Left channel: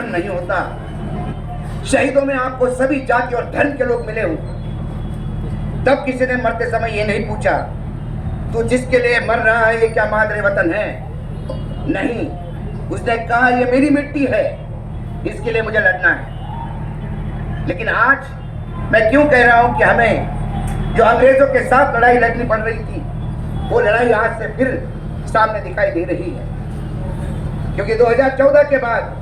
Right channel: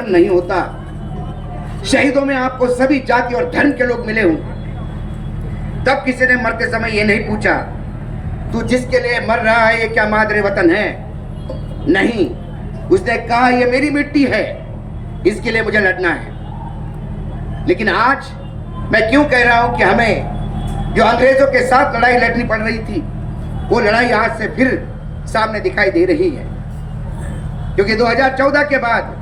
धर्म नहीं होता। शहीदों में आपको सभी जाति और धर्म के लोग मिले हो। तब किसी ने मरते समय ये नहीं पूछा तू जिसके लिए मर रहा है ये क्या मादरे वतन है? नहीं, उसने कहा ये मेरी मिट्टी है, इसके लिए मुझे लड़ना है। लेकिन आज मैं क्यों कह रहा हूं कि हमें जो अंग्रेजों के साथ लड़ाई लड़नी पड़ रही थी वो लड़ाई आज से फिर सामने दिखाई दे रही है। क्योंकि 2014 के बाद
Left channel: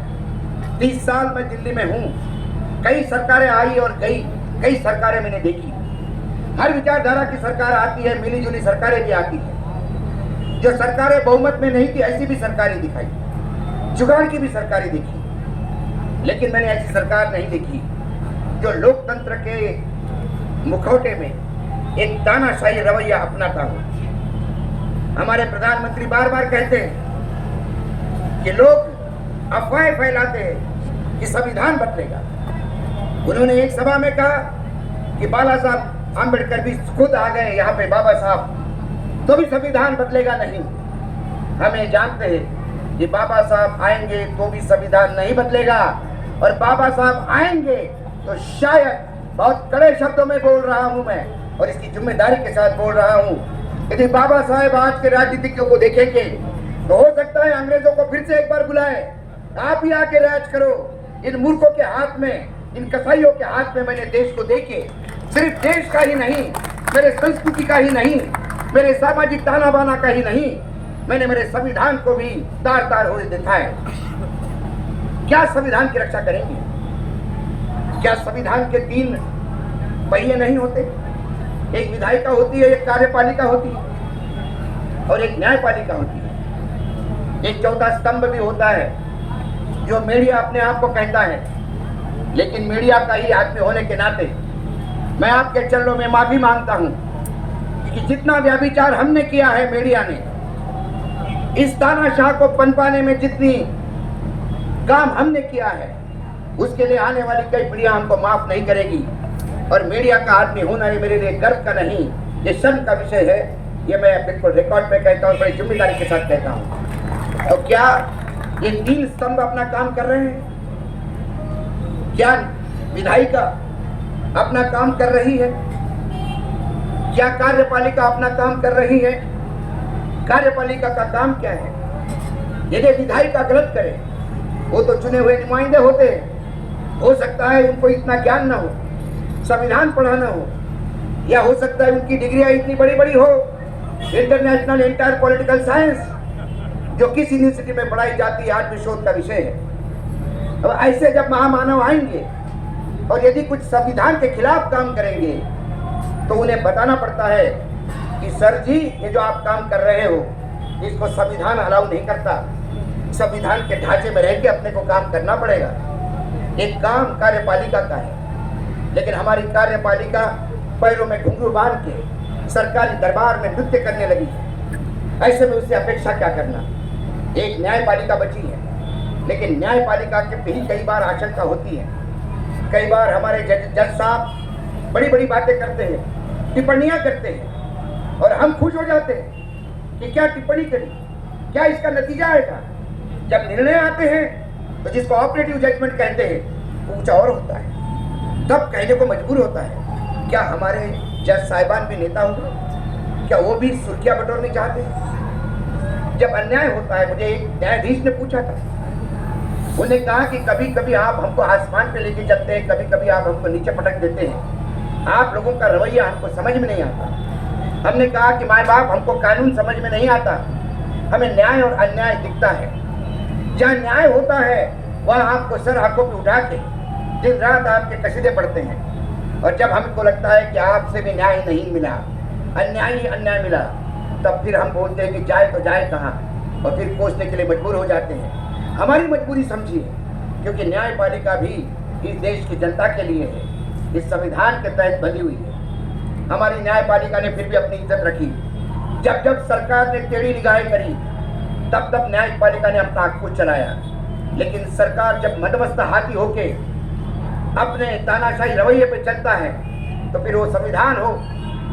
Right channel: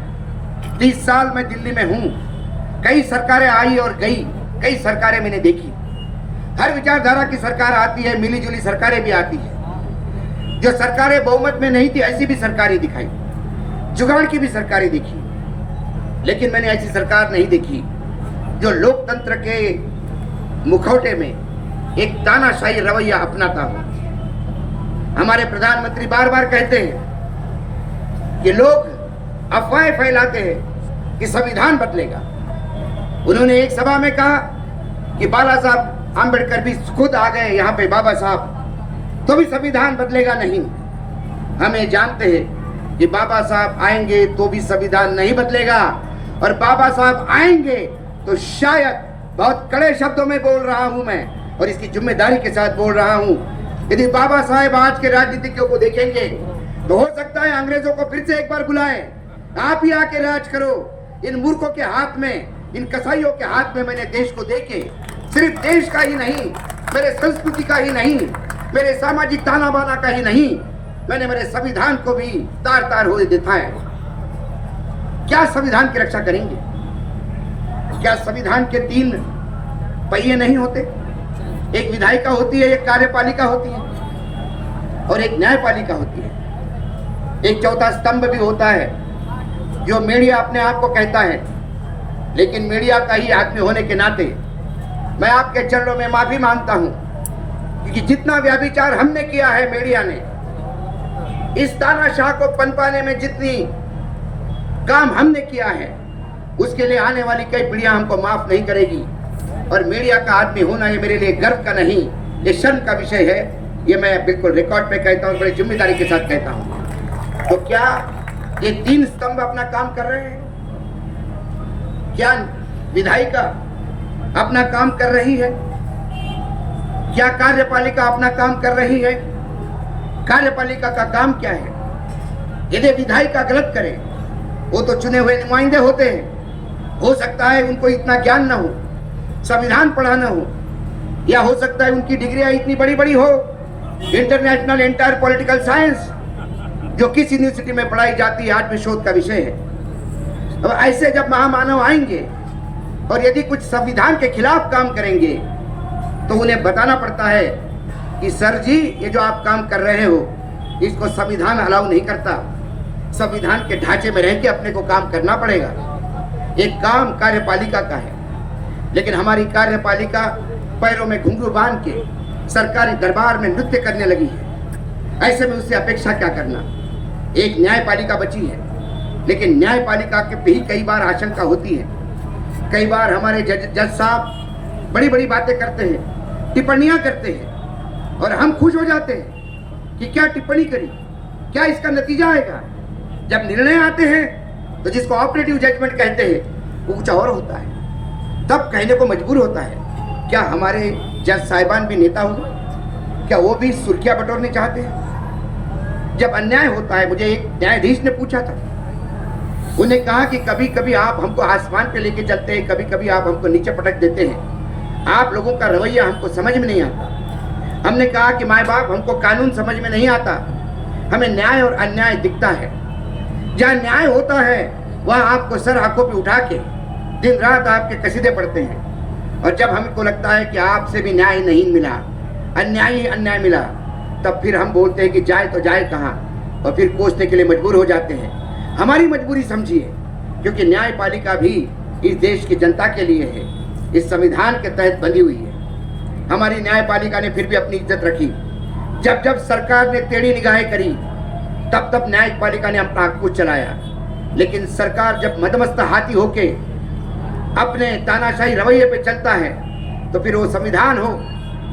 30 साल मैं दिल्ली में हूं। कई सरकारें आई और गई, कई सरकारें मैंने देखी। हर विचारधारा की सरकार आती है, मिली जुली सरकारें भी आती है। जो सरकारें बहुमत में नहीं थी ऐसी भी सरकारें दिखाई, जुगाड़ की भी सरकारें देखी। लेकिन मैंने ऐसी सरकार नहीं देखी जो लोकतंत्र के मुखौटे में एक तानाशाही रवैया अपनाता। हमारे प्रधानमंत्री बार बार कहते हैं कि लोग अफवाहें फैलाते हैं कि संविधान बदलेगा। उन्होंने एक सभा में कहा कि बाला साहब आंबेडकर भी खुद आ गए यहाँ पे, बाबा साहब, तो भी संविधान बदलेगा नहीं। हमें जानते हैं कि बाबा साहब आएंगे तो भी संविधान नहीं बदलेगा, और बाबा साहब आएंगे तो शायद, बहुत कड़े शब्दों में बोल रहा हूं मैं और इसकी जिम्मेदारी के साथ बोल रहा हूं, यदि बाबा साहब आज के राजनीतिज्ञों को देखेंगे तो हो सकता है अंग्रेजों को फिर से एक बार बुलाएं, आप ही आके राज करो। इन मूर्खों के हाथ में, इन कसाईयों के हाथ में मैंने देश को देके, सिर्फ देश का ही नहीं, मेरे संस्कृति का ही नहीं, मेरे सामाजिक ताना बाना का ही नहीं, मैंने मेरे संविधान को भी तार तार होने दिखाया। क्या संविधान की रक्षा करेंगे? क्या संविधान के 3 पहिए नहीं होते? एक विधायिका होती है, एक कार्यपालिका होती है और एक न्यायपालिका होती है। एक चौथा स्तंभ भी होता है जो मीडिया अपने आप को कहता है। लेकिन मीडिया का ही आदमी होने के नाते मैं आपके चरणों में माफी मांगता हूं, क्योंकि जितना व्यभिचार हमने किया है मीडिया ने, इस तानाशाह को पनपाने में जितनी काम हमने किया है, उसके लिए आने वाली कई पीढ़ियां हमको माफ नहीं करेगी। और मीडिया का आदमी होना ये मेरे लिए गर्व का नहीं, ये शर्म का विषय है। ये मैं बिल्कुल रिकॉर्ड पे कहता हूँ, बड़ी जिम्मेदारी के साथ कहता हूँ। तो क्या ये 3 स्तंभ अपना काम कर रहे हैं? क्या विधायिका अपना काम कर रही है? क्या कार्यपालिका अपना काम कर रही है? कार्यपालिका का काम क्या है? यदि विधायिका गलत करे, वो तो चुने हुए नुमाइंदे होते हैं, हो सकता है उनको इतना ज्ञान ना हो, संविधान पढ़ाना हो, या हो सकता है उनकी डिग्रियां इतनी बड़ी बड़ी हो, इंटरनेशनल एंटायर पॉलिटिकल साइंस, जो किस यूनिवर्सिटी में पढ़ाई जाती है, आज भी शोध का विषय है। अब ऐसे जब महामानव आएंगे और यदि कुछ संविधान के खिलाफ काम करेंगे तो उन्हें बताना पड़ता है कि सर जी, ये जो आप काम कर रहे हो इसको संविधान अलाउ नहीं करता। संविधान के ढांचे में रह के अपने को काम करना पड़ेगा। ये काम कार्यपालिका का है। लेकिन हमारी कार्यपालिका पैरों में घुंघरू बांध के सरकारी दरबार में नृत्य करने लगी है। ऐसे में उससे अपेक्षा क्या करना? एक न्यायपालिका बची है, लेकिन न्यायपालिका के भी कई बार आशंका होती है। कई बार हमारे जज साहब बड़ी बड़ी बातें करते हैं, टिप्पणियां करते हैं, और हम खुश हो जाते हैं कि क्या टिप्पणी करी, क्या इसका नतीजा आएगा। जब निर्णय आते हैं तो जिसको ऑपरेटिव जजमेंट कहते हैं वो कुछ और होता है, तब कहने को मजबूर होता है। क्या हमारे जज साहिबान भी नेता हुए? क्या वो भी सुर्खियां बटोरनी चाहते हैं? जब अन्याय होता है, मुझे एक न्यायाधीश ने पूछा था, उन्हें कहा कि कभी कभी आप हमको आसमान पे लेके चलते हैं, कभी कभी आप हमको नीचे पटक देते हैं, आप लोगों का रवैया हमको समझ में नहीं आता। हमने कहा कि माँ बाप, हमको कानून समझ में नहीं आता, हमें न्याय और अन्याय दिखता है। जहाँ न्याय होता है वहाँ आपको सर आंखों पे उठा के दिन रात आपके कसीदे पढ़ते हैं, और जब हमको लगता है कि आपसे भी न्याय नहीं मिला, अन्याय ही अन्याय मिला, तब फिर हम बोलते हैं कि जाए तो जाए कहाँ, और फिर कोसने के लिए मजबूर हो जाते हैं। हमारी मजबूरी समझिए, क्योंकि न्यायपालिका भी इस देश की जनता के लिए है, इस संविधान के तहत बंधी हुई है। हमारी न्यायपालिका ने फिर भी अपनी इज्जत रखी। जब जब सरकार ने टेढ़ी निगाहें करी, तब तब न्यायपालिका ने अपना कुछ चलाया। लेकिन सरकार जब मदमस्त हाथी होके अपने तानाशाही रवैये पे चलता है, तो फिर वो संविधान हो,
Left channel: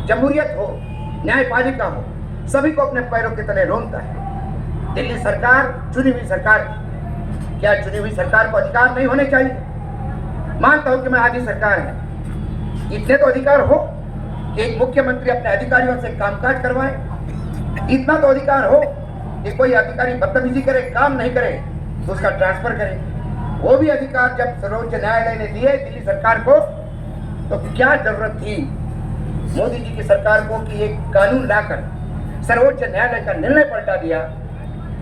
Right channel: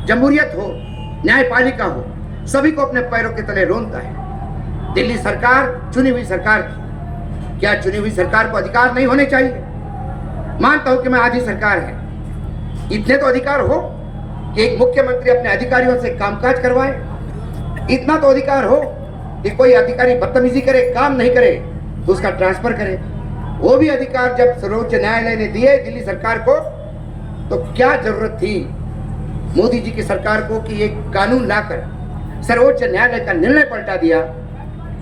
जमहूरियत हो, न्यायपालिका हो, सभी को अपने पैरों के तले रोनता है। दिल्ली सरकार चुनी हुई सरकार थी। क्या चुनी हुई सरकार को अधिकार नहीं होने चाहिए? मानता हूं कि मैं आधी सरकार है, इतने तो अधिकार हो कि एक मुख्यमंत्री अपने अधिकारियों से कामकाज करवाए, इतना तो अधिकार हो कि कोई अधिकारी बदतमीजी करे, काम नहीं करे तो उसका ट्रांसफर करे। वो भी अधिकार जब सर्वोच्च न्यायालय ने दिए दिल्ली सरकार को, तो क्या जरूरत थी मोदी जी की सरकार को कि ये कानून लाकर सर्वोच्च न्यायालय का निर्णय पलटा दिया?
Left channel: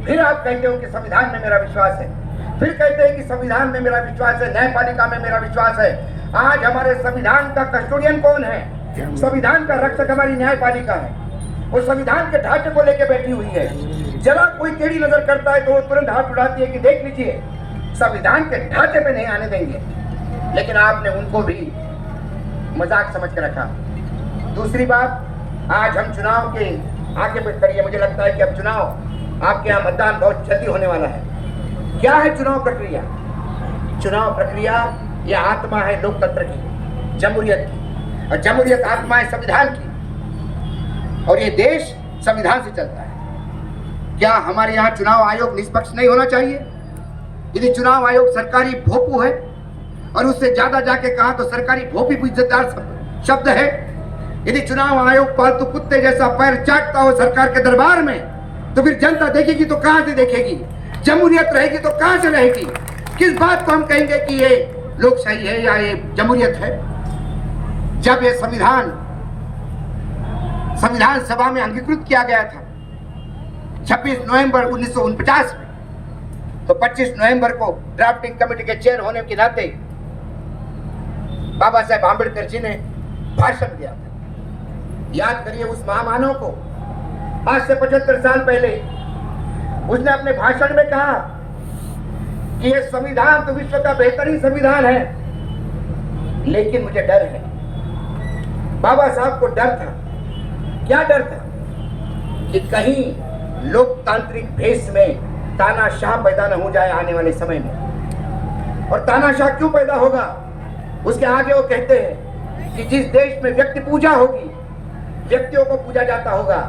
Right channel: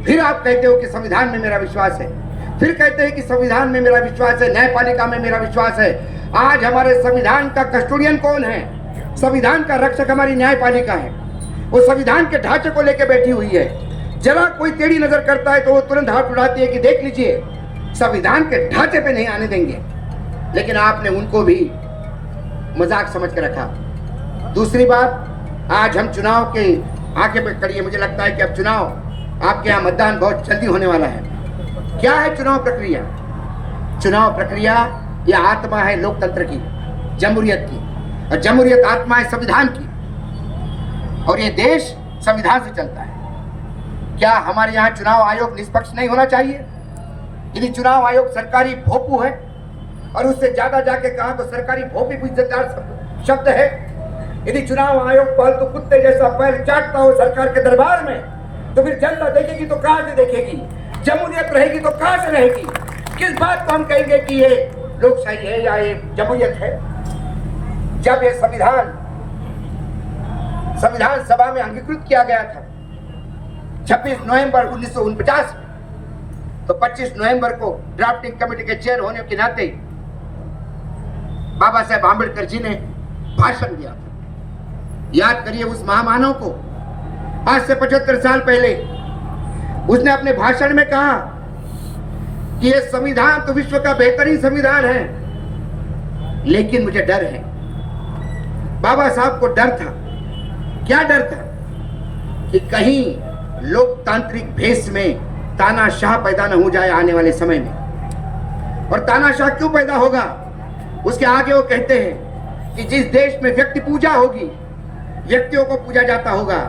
फिर आप कहते हो कि संविधान में मेरा विश्वास है, फिर कहते हैं कि संविधान में मेरा विश्वास है, न्यायपालिका में मेरा विश्वास है। आज हमारे संविधान का कस्टोडियन कौन है? संविधान का रक्षक हमारी न्यायपालिका है। वो संविधान के ढांचे को लेकर बैठी हुई है। जरा कोई टेढ़ी नजर करता है तो वो तुरंत हाथ उड़ाती है कि देख लीजिए संविधान के ढांचे पे नहीं आने देंगे। लेकिन आपने उनको भी मजाक समझ के रखा। दूसरी बात, आज हम चुनाव के आगे पे करिए, मुझे लगता है कि अब चुनाव आपके यहाँ मतदान बहुत जल्दी होने वाला है। क्या है चुनाव प्रक्रिया? चुनाव प्रक्रिया यह आत्मा है लोकतंत्र की, जमहूरियत की, और जमहूरियत आत्मा है संविधान की, और ये देश संविधान से चलता है। क्या हमारे यहाँ चुनाव आयोग निष्पक्ष नहीं होना चाहिए? यदि चुनाव आयोग सरकारी भोपू है, और उससे ज्यादा जाके कहा तो सरकारी भोपी भी इज्जतदार शब्द है। यदि चुनाव आयोग पालतू कुत्ते जैसा पैर चाटता हो सरकार के दरबार में, तो फिर जनता देखेगी तो कहां से देखेगी? जमहूरियत रहेगी तो कहां से रहेगी? किस बात को हम कहेंगे कि ये लोकशाही है या ये जमहूरियत है? जब ये संविधान सभा में अंगीकृत किया गया था 26 नवंबर 1949 में, तो 25 नवंबर को ड्राफ्टिंग कमेटी के चेयर होने के नाते बाबा साहेब आंबेडकर जी ने भाषण दिया। याद करिए उस महामानव को। आज से 75 साल पहले उसने अपने भाषण में कहा कि यह संविधान तो विश्व का बेहतरीन संविधान है, लेकिन मुझे डर है। बाबा साहब को डर था। क्या डर था? कि कहीं लोकतांत्रिक भेष में तानाशाह पैदा न हो जाए आने वाले समय में। और तानाशाह क्यों पैदा होगा? उसके आगे वो कहते हैं कि जिस देश में व्यक्ति पूजा होगी, व्यक्तियों को पूजा जाता होगा,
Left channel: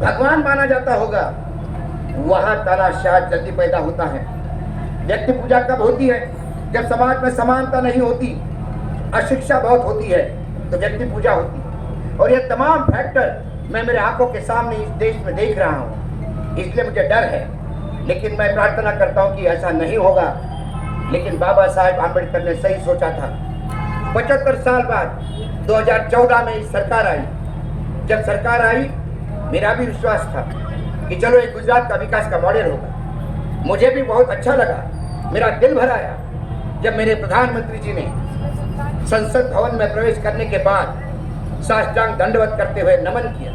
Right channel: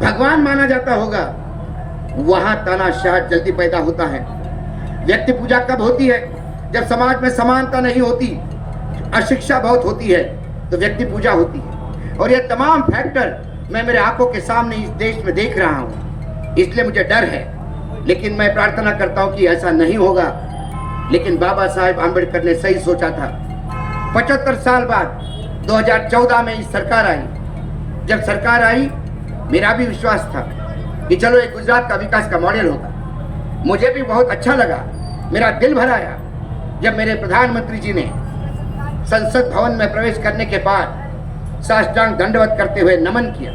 भगवान माना जाता होगा, वहां तानाशाह जल्दी पैदा होता है। व्यक्ति पूजा कब होती है? जब समाज में समानता नहीं होती, अशिक्षा बहुत होती है, तो व्यक्ति पूजा होती है। और ये तमाम फैक्टर मैं मेरे आंखों के सामने इस देश में देख रहा हूं, इसलिए मुझे डर है। लेकिन मैं प्रार्थना करता हूं कि ऐसा नहीं होगा। लेकिन बाबा साहेब आंबेडकर ने सही सोचा था। 75 साल बाद 2014 में इस सरकार आई। जब सरकार आई, मेरा भी विश्वास था कि चलो एक गुजरात का विकास का मॉडल होगा। मुझे भी बहुत अच्छा लगा, मेरा दिल भर आया जब मेरे प्रधानमंत्री जी ने संसद भवन में प्रवेश करने के बाद साष्टांग दंडवत करते हुए नमन किया,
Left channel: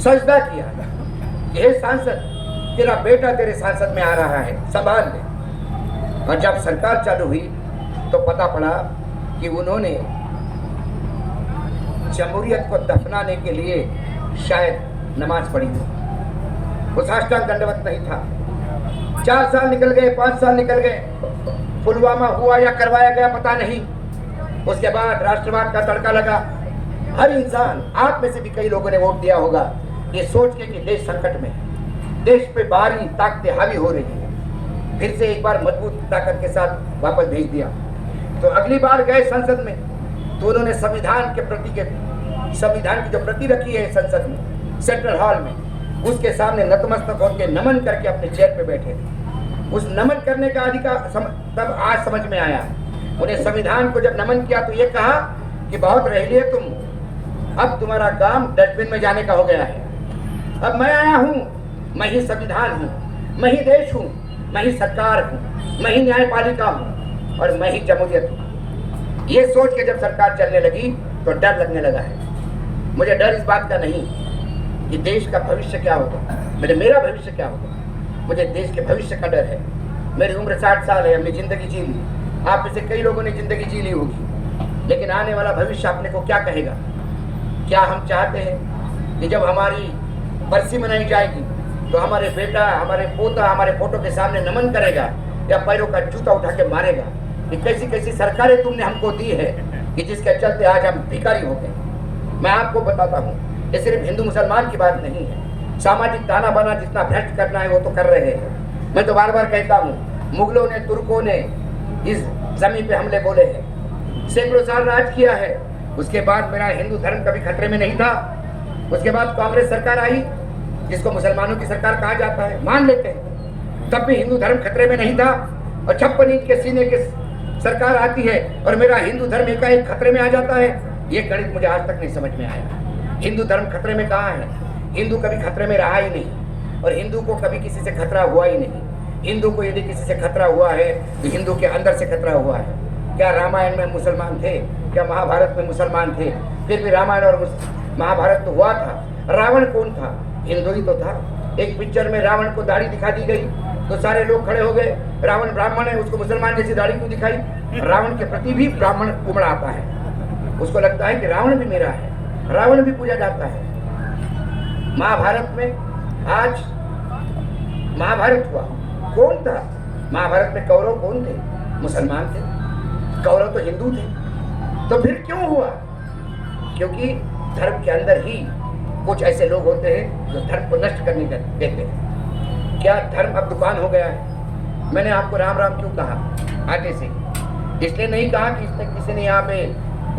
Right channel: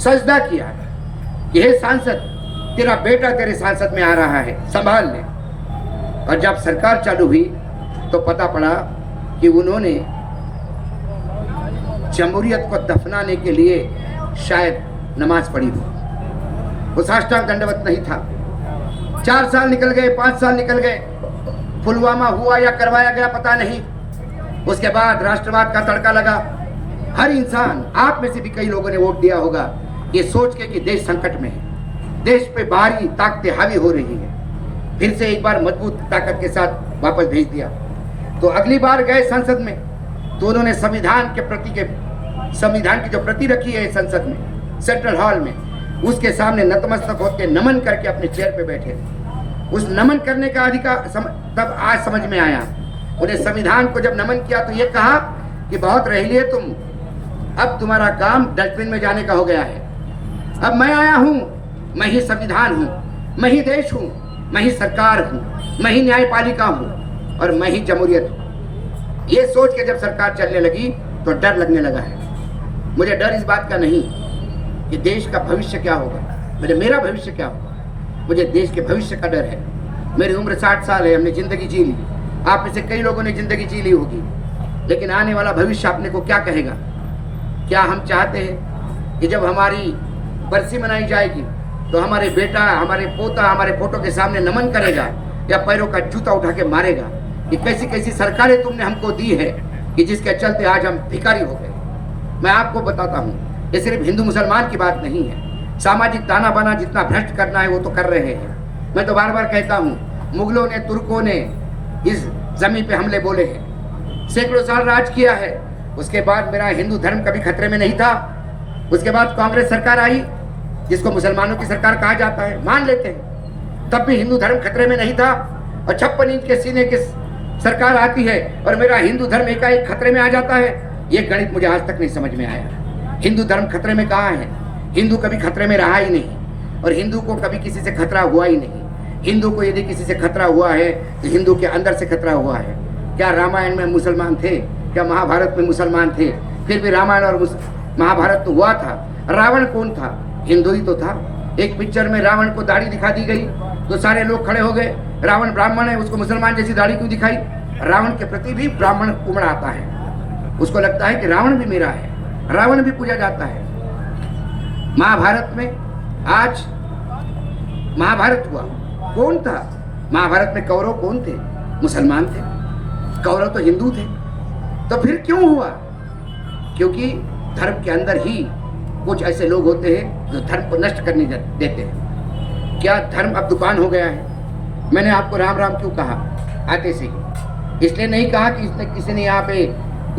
सजदा किया कि हे सांसद, तेरा बेटा तेरे सांसद में आ रहा है, संभाल ले। और जब सरकार चालू हुई तो पता पड़ा कि उन्होंने जमहूरियत को दफनाने के लिए शायद नमाज पढ़ी हो। वो साष्टांग दंडवत नहीं था। 4 साल निकल गए, 5 साल निकल गए, पुलवामा हुआ या करवाया गया पता नहीं। उसके बाद राष्ट्रवाद का तड़का लगा। हर इंसान, आप में से भी कई लोगों ने वोट दिया होगा ये सोच के कि देश संकट में है, देश पे बाहरी ताकतें हावी हो रही है। फिर से एक बार मजबूत ताकत के साथ वापस भेज दिया। तो अगली बार गए संसद में, तो उन्होंने संविधान की जो प्रति रखी है संसद में, सेंट्रल हॉल में, उसके सामने नतमस्तक होकर नमन करके अपने चेयर पे बैठे। उस नमन करने का अधिकार तब आज समझ में आया। उन्हें संविधान को जब नमन किया तो ये कहा कि बहुत रह लिए तुम, अब तुम्हारा काम डस्टबिन में जाने का हो गया है। अब मैं आया हूं, मैं ही संविधान हूं, मैं ही देश हूं, मैं ही सरकार हूं, मैं ही न्यायपालिका हूं, और मैं ही जमहूरियत हूं। ये सोच के जब सरकार चलने लगी तो डर लगने लगा है। मुझे डर इस बात का नहीं कि देश का भविष्य क्या होगा, मेरा भविष्य क्या होगा। मुझे देश के भविष्य का डर है। मेरी उम्र 60 साल है, हमने जिंदगी जी ली। आप में से कई लोगों ने जिंदगी जी ली होगी, लेकिन आने वाला भविष्य अपने को क्या कहेगा? क्या हम चाहते हैं कि जब हमारी बरसी मनाई जाएगी तो हमारे बेटा, हमारे पोता हमारे फोटो के सामने नमन करेगा या पैरों का जूता उठा के मारेगा कि कैसी कैसी सरकारें तुमने हमको दी है कि जिसके चलते आज हम भिखारी हो गए। मैं आपको बताता हूँ, ये सिर्फ हिंदू मुसलमान की बात नहीं है। सामाजिक ताना बाना जितना भ्रष्ट करना है वो तो कर रहे हैं। मैं तो बार बार कहता हूँ मुगलों ने, तुर्कों ने इस जमीन पे हमले बोले हैं, सैकड़ों साल राज किया है। उसके बाद मेरा हिंदू धर्म कभी खतरे में नहीं था। उसके बाद कांग्रेस सरकार आई, जिसको मुसलमानों की सरकार कहा जाता है, मान लेते हैं, तब भी हिंदू धर्म खतरे में नहीं था। और 56 इंच के सीने की सरकार आती है और मेरा हिंदू धर्म एकाएक खतरे में आ जाता है। ये गणित मुझे आज तक नहीं समझ में आया। हिंदू धर्म खतरे में कहाँ है? हिंदू कभी खतरे में रहा ही नहीं, और हिंदू को कभी किसी से खतरा हुआ ही नहीं। हिंदू को यदि किसी से खतरा हुआ है तो हिंदू के अंदर से खतरा हुआ है। क्या रामायण में मुसलमान थे? क्या महाभारत में मुसलमान थे? फिर भी रामायण और महाभारत तो हुआ था। रावण कौन था? हिंदू ही तो था। एक पिक्चर में रावण को दाढ़ी दिखा दी गई तो सारे लोग खड़े हो गए, रावण ब्राह्मण है, उसको मुसलमान जैसी दाढ़ी क्यों दिखाई? रावण के प्रति भी ब्राह्मण उमड़ आता है, उसको लगता है कि रावण भी मेरा है, रावण भी पूजा जाता है। महाभारत में आज महाभारत हुआ, कौन था? महाभारत में कौरव कौन थे? मुसलमान थे। कौरव तो हिंदू थे। तो फिर क्यों हुआ? क्योंकि धर्म के अंदर ही कुछ ऐसे लोग होते हैं जो धर्म को नष्ट करने देते हैं। क्या धर्म अब दुकान हो गया है? मैंने आपको राम राम क्यों कहा आते से? इसलिए नहीं कहा कि किसी ने यहाँ पे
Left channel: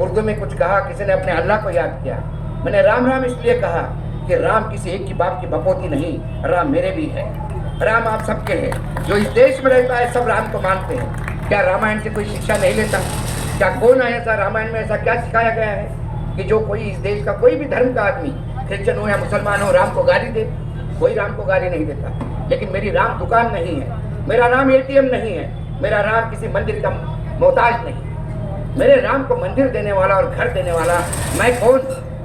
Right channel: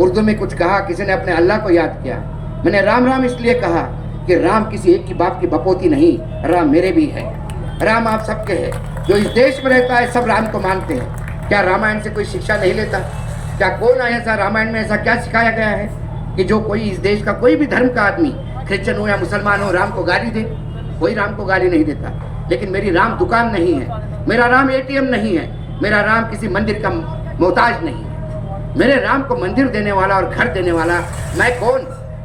उर्दू में कुछ कहा, किसी ने अपने अल्लाह को याद किया। मैंने राम राम इसलिए कहा कि राम किसी एक की बाप की बपोती नहीं, राम मेरे भी है। राम आप सबके हैं। जो इस देश में रहता है सब राम को मानते हैं। क्या रामायण से कोई शिक्षा नहीं लेता? क्या कौन है ऐसा? रामायण में ऐसा क्या सिखाया गया है कि जो कोई इस देश का कोई भी धर्म का आदमी, क्रिश्चियन हो या मुसलमान हो, राम को गाली दे? कोई राम को गाली नहीं देता। लेकिन मेरी राम दुकान नहीं है, मेरा राम ATM नहीं है, मेरा राम किसी मंदिर का मोहताज नहीं है। मेरे राम को मंदिर देने वाला और घर देने वाला मैं कौन?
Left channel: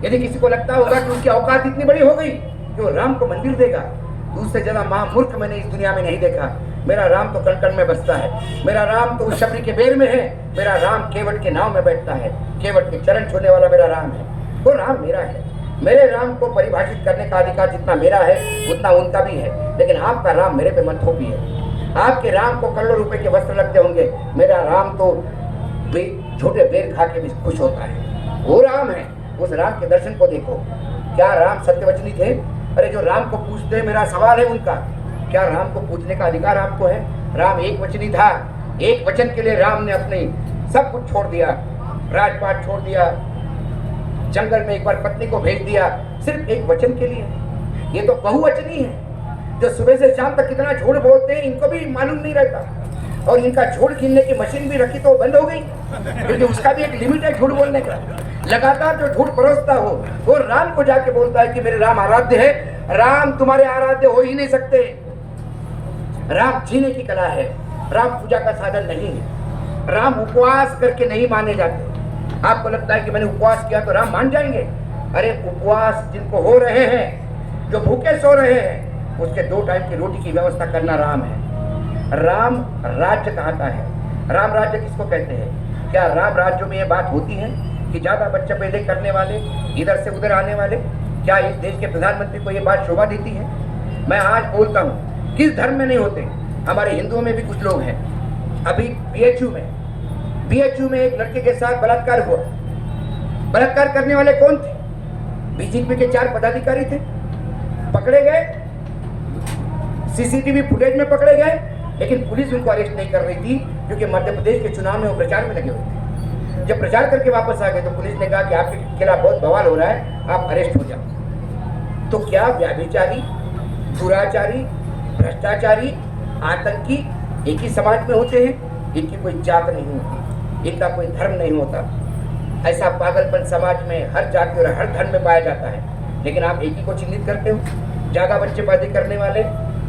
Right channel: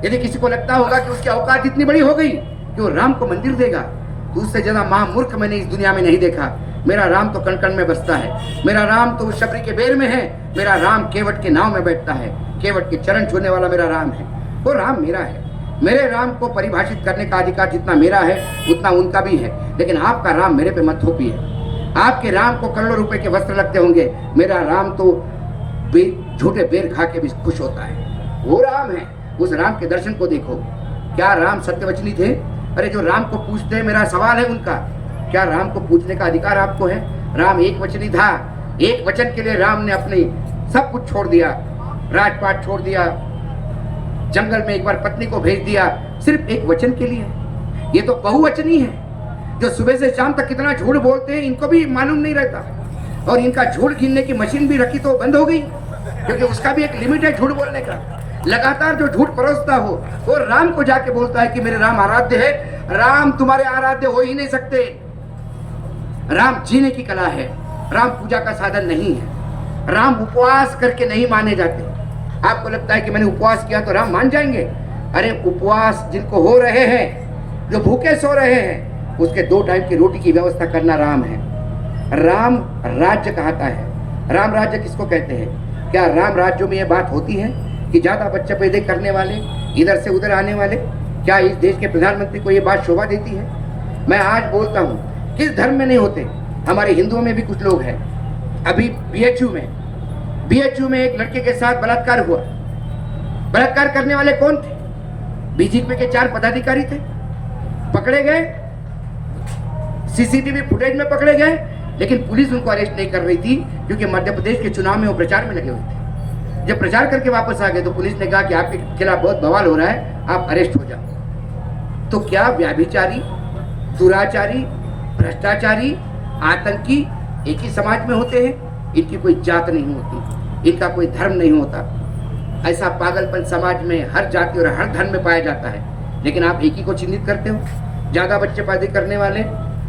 यदि किसी को लगता होगा कि उसकी औकात इतनी बड़ी हो गई कि वो राम को मंदिर देगा, तो उससे ज्यादा महामूर्ख मैंने इस दुनिया में नहीं देखा। मेरा राम तो कण कण में बसता है, मेरा राम तो शबरी के बेर में है, मेरा राम केवट के नाव में बैठता है, केवट के चरण छूने वाला मेरा राम है। वो राम मेरा है। मेरे राम को परिभाषित करने का अधिकार जितना मेरा है उतना उनका भी है। लेकिन आपका राम मेरे पे मत थोपिए। आपके राम को करोड़ों रुपए के वस्त्र लगते होंगे, मेरा राम तो झूठे बेर खा के भी खुश होता है। वो राम है। उस राम के दर्शन को देखो। क्या राम सत्यवचनी थे? अरे जो राम को पूछते, मेरा सवाल है उनका, क्या राम को पूछने का अधिकार आपको है? राम एक वचनी था। एक वचन के लिए राम ने अपनी सब कुछ छोड़ दिया, राजपाट छोड़ दिया, जंगल में एक बार पत्नी को भेज दिया, सिर्फ एक वचन के लिए। ये तो बहुवचनी है। जो सुबह से शाम तक कितना झूठ बोलते हैं इनको भी मालूम नहीं रहता। और इनका झूठ गिनने की मशीन भी रखी तो बंद हो गई, क्योंकि उसका भी एक लिमिट है झूठ बोलने का। लगातार जो झूठ परोसता हो वो राम को जाके बोलता है कि मेरे राम आराध्य है। राम तुम्हारे आराध्य हो ही नहीं सकते। राम जीने की कला है, राम पूजा का साधन नहीं है। राम उपवास करके नहीं माने जाते। आपको लगता है कि मैंने उपवास किया तो राम मान जाएंगे? अरे उपवास जिनको हो रहे हैं, जो भूखे सो रहे हैं, उसके 2 टाइम की रोटी की व्यवस्था करना राम है। राम राज्य कहता है। राम राज्य किसको कहते हैं? क्या राम राज्यों में ये बात होती है कि ज्यादा बच्चे पैदा करने वाले, इधर से उधर आने वाले? क्या इस देश के प्रधानमंत्री को ये बात शोभा देती है? मैं आज बोलता हूँ, किस धर्म में नहीं होते? हमारे हिंदुओं में भी कुछ लोग हैं। अभी BHU में एक लड़के के साथ बलात्कार हुआ। बलात्कार करने वाले कौन थे? BJP के 4 पदाधिकारी थे, पकड़े गए, CCTV फुटेज में पकड़े गए, लेकिन पुलिस उनको अरेस्ट नहीं कर रही थी क्योंकि मध्य प्रदेश के चुनाव में वो प्रचार में लगे हुए थे। जब प्रचार करके वापस आ गए तो पुलिस ने कहा कि आपके खिलाफ बहुत बवाल हो रहा है, आप अरेस्ट हो जाओ। तो क्या व्याभिचारी, दुराचारी, भ्रष्टाचारी, आतंकी एक ही समाज में होते हैं? इनकी कोई जात नहीं होती, इनका कोई धर्म नहीं होता। ऐसा पागलपन समाज में हर जाति और हर धर्म में पाया जाता है, लेकिन आप एक ही को चिन्हित करते हो। ज्यादा बच्चे पैदा करने वाले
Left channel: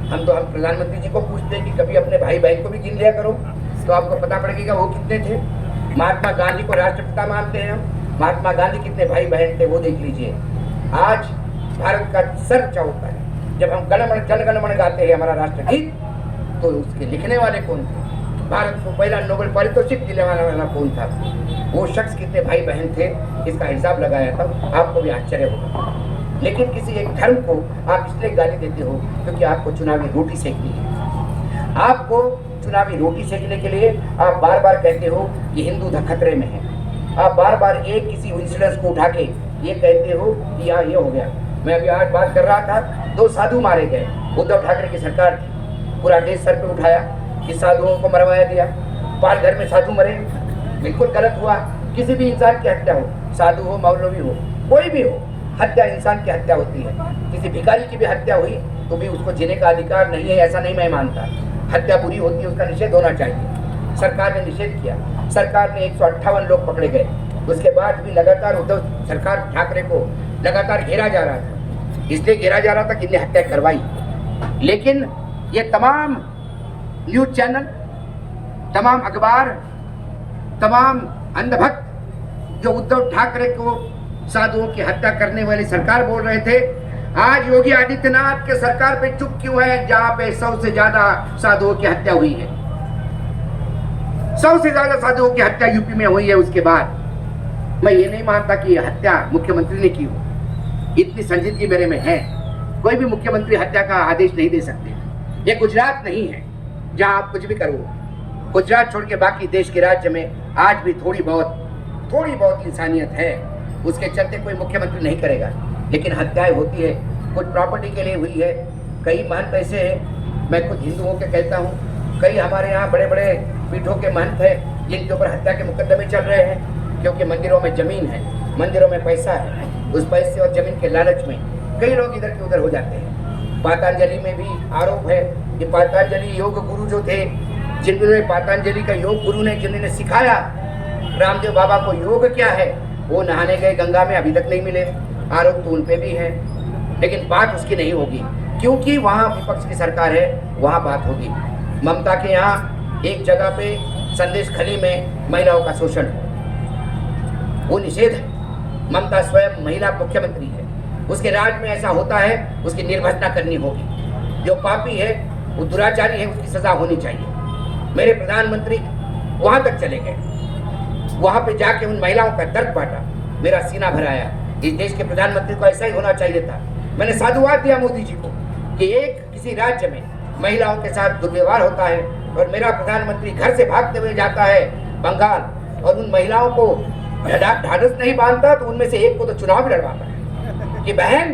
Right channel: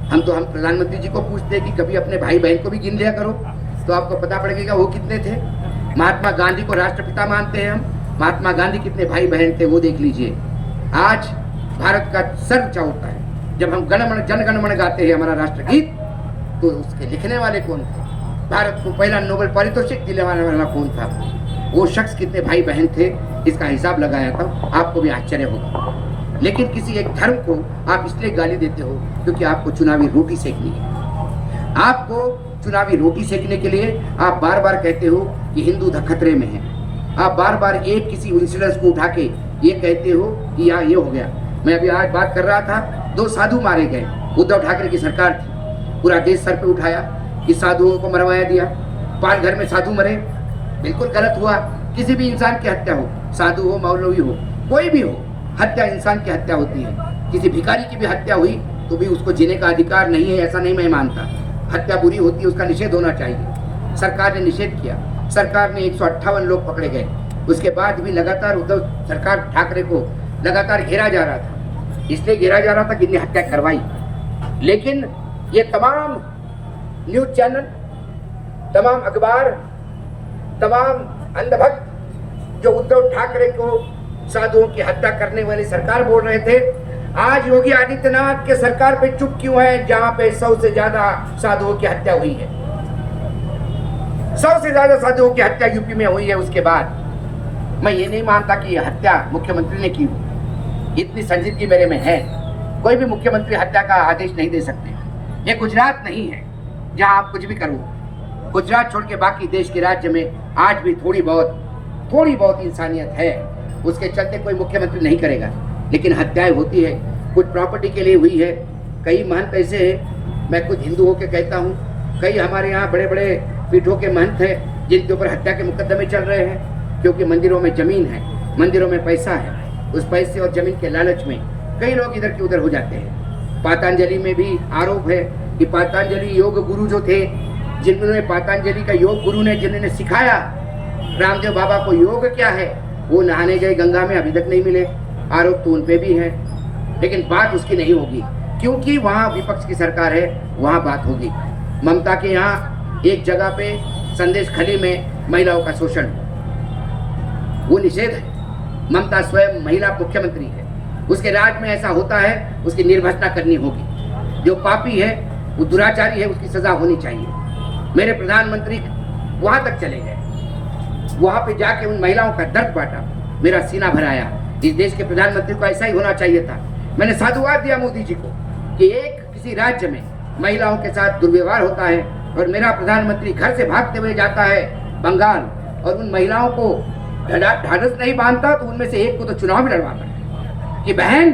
हम प्रधानमंत्री जी को पूछते हैं कि कभी अपने भाई बहन को भी गिन लिया करो, तो आपको पता पड़ेगा वो कितने थे। महात्मा गांधी को राष्ट्रपिता मानते हैं हम, महात्मा गांधी कितने भाई बहन थे वो देख लीजिए। आज भारत का सर ऊंचा होता है जब हम जन गण मन गाते हैं, हमारा राष्ट्रगीत, तो उसके लिखने वाले कौन थे? भारत को पहला नोबेल पारितोषिक दिलाने वाला कौन था? वो शख्स कितने भाई बहन थे, इसका हिसाब लगाया था, आपको भी आश्चर्य होगा। लेकिन किसी एक धर्म को आप इसलिए गाली देते हो क्योंकि आपको चुनावी रोटी सेकनी है। आपको चुनावी रोटी सेकने के लिए आप बार बार कहते हो कि हिंदू खतरे में है। आप बार बार एक किसी इंसिडेंस को उठा के ये कहते हो कि यहाँ ये हो गया। मैं अभी आज बात कर रहा था, 2 साधु मारे गए, उद्धव ठाकरे की सरकार थी, पूरा देश सर पे उठाया, कि साधुओं को मरवाया दिया, पालघर में साधु मरे, बिल्कुल गलत हुआ। किसी भी इंसान की हत्या हो, साधु हो, मौलवी हो, कोई भी हो, हत्या इंसान की हत्या होती है। किसी भिखारी की भी हत्या हुई तो भी उसको जीने का अधिकार नहीं है, ऐसा नहीं मैं मानता। हत्या बुरी होती है, उसका निषेध होना चाहिए। सरकार ने निषेध किया, सरकार ने 158 लोग पकड़े गए। उसके बाद भी लगातार उद्धव सरकार ठाकरे को लगातार घेरा जा रहा था, इसलिए घेरा जा रहा था कि इन्हें हत्या करवाई। लेकिन ये तमाम न्यूज चैनल, तमाम अखबार, तमाम अंधभक्त जो उद्धव ठाकरे को साधुओं की हत्या करने वाली सरकार बोल रहे थे, आज योगी आदित्यनाथ के सरकार पे चुप क्यों है, जहां पे 100 से ज्यादा साधुओं की हत्या हुई है। 100 से ज्यादा साधुओं की हत्या यूपी में हुई है। उसके बाद मैं ये नहीं मानता कि यह हत्या मुख्यमंत्री ने की हो। इतनी संजीदगी मेरे में है, कोई भी मुख्यमंत्री हत्या का आदेश नहीं दे सकते। ये गुजरात नहीं है जहां आप कुछ भी करो। गुजरात छोड़ के बाकी देश के राज्य में आज भी थोड़ी बहुत इंसानियत है, उसके चलते कोई मुख्यमंत्री नहीं करेगा। लेकिन हत्याएं होती है, कुछ प्रॉपर्टी के लिए हुई है। कई महंत ऐसे हैं, मैं खुद हिंदू होकर कहता हूँ, कई हमारे यहाँ बड़े बड़े पीठों के महंत हैं जिनके ऊपर हत्या के मुकदमे चल रहे हैं, क्योंकि मंदिरों में जमीन है, मंदिरों में पैसा है। उस पैसे और जमीन के लालच में कई लोग इधर के उधर हो जाते हैं। पतंजलि में भी आरोप है कि पतंजलि योग गुरु जो थे, जिन्होंने पतंजलि का योग गुरु ने जिन्होंने सिखाया रामदेव बाबा को योग क्या है, वो नहाने गए गंगा में, अभी तक नहीं मिले। आरोप तो उन पे भी है, लेकिन बात उसकी नहीं होगी, क्योंकि वहाँ विपक्ष की सरकार है, वहाँ बात होगी। ममता के यहाँ एक जगह पे संदेश खली में महिलाओं का शोषण, वो निषेध है। ममता स्वयं महिला मुख्यमंत्री है, उसके राज में ऐसा होता है, उसकी निर्भत्सना करनी होगी। जो पापी है, वो दुराचारी है, उसकी सजा होनी चाहिए। मेरे प्रधानमंत्री वहाँ तक चले गए, वहाँ पे जाके उन महिलाओं का दर्द बांटा, मेरा सीना भराया। इस देश के प्रधानमंत्री को ऐसा ही होना चाहिए था। मैंने साधुवाद दिया मोदी जी को कि एक किसी राज्य में महिलाओं के साथ दुर्व्यवहार होता है और मेरा प्रधानमंत्री घर से भागते हुए जाता है बंगाल और उन महिलाओं को ढाढ़स नहीं बांधता, तो उनमें से एक को तो चुनाव भी लड़वाता है कि बहन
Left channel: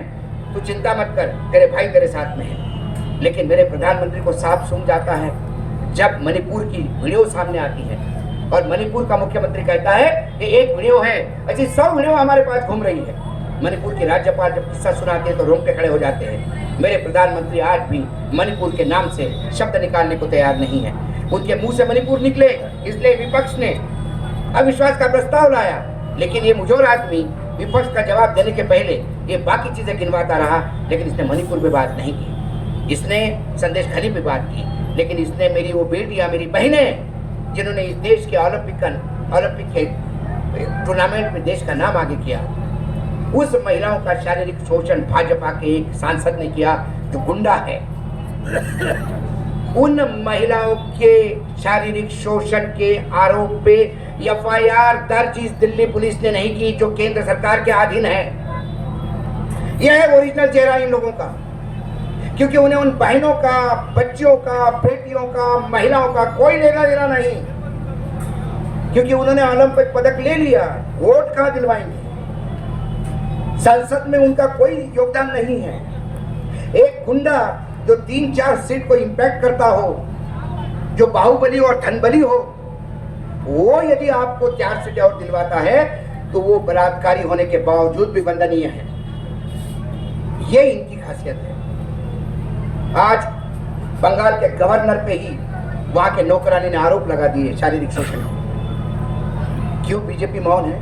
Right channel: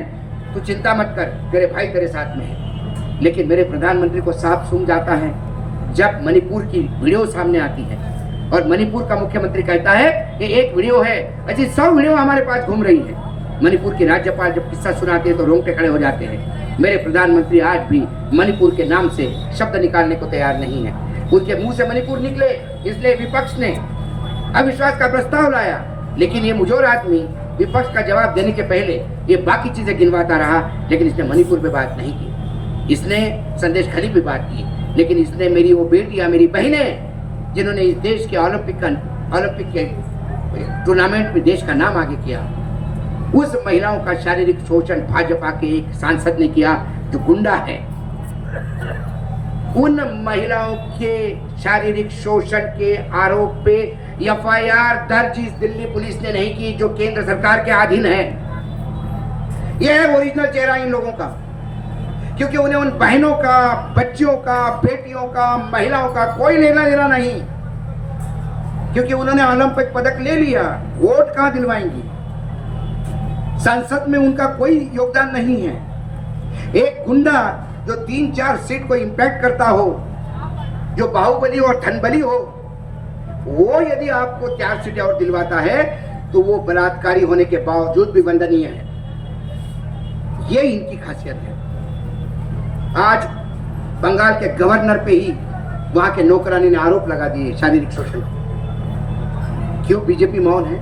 तू चिंता मत कर, तेरे भाई तेरे साथ में है। लेकिन मेरे प्रधानमंत्री को साफ सुन जाता है जब मणिपुर की वीडियो सामने आती है और मणिपुर का मुख्यमंत्री कहता है कि एक वीडियो है, अच्छी 100 वीडियो हमारे पास घूम रही है। मणिपुर की राज्यपाल जब किस्सा सुनाते हैं तो रोंगटे खड़े हो जाते हैं। मेरे प्रधानमंत्री आज भी मणिपुर के नाम से शब्द निकालने को तैयार नहीं है। उनके मुंह से मणिपुर निकले, इसलिए विपक्ष ने अविश्वास का प्रस्ताव लाया, लेकिन ये मुझोर आदमी विपक्ष का जवाब देने के पहले ये बाकी चीजें गिनवाता रहा, लेकिन इसने मणिपुर पे बात नहीं की। इसने संदेश खली पे बात की, लेकिन इसने मेरी वो बेटियां, मेरी बहनें, जिन्होंने इस देश के ओलंपिक के टूर्नामेंट में देश का नाम आगे किया, उस महिलाओं का शारीरिक शोषण भाजपा के एक सांसद ने किया जो गुंडा है। उन महिलाओं के शारीरिक शोषण के आरोप पे एफआईआर दर्ज इस दिल्ली पुलिस ने नहीं की, जो केंद्र सरकार के अधीन है। यह है ओरिजिनल चेहरा इन लोगों का, क्योंकि उन्हें उन बहनों का, बच्चियों का, बेटियों का, महिलाओं का कोई लेना देना नहीं, क्योंकि उन्होंने ओलंपिक पदक ले लिया, वोट कहां दिलवाएंगी? संसद में उनका कोई योगदान नहीं है। एक गुंडा जो 3-4 सीट को इंपैक्ट करता हो, जो बाहुबली और धनबली हो, वो यदि आपको 4 सीटें और दिलवाता है तो वो बलात्कारी होने के बावजूद भी वंदनीय है। ये इनकी खासियत है। आज बंगाल के गवर्नर पे ही वहां के नौकरानी ने आरोप लगा दिए शारीरिक शोषण। क्यों बीजेपी मौन है?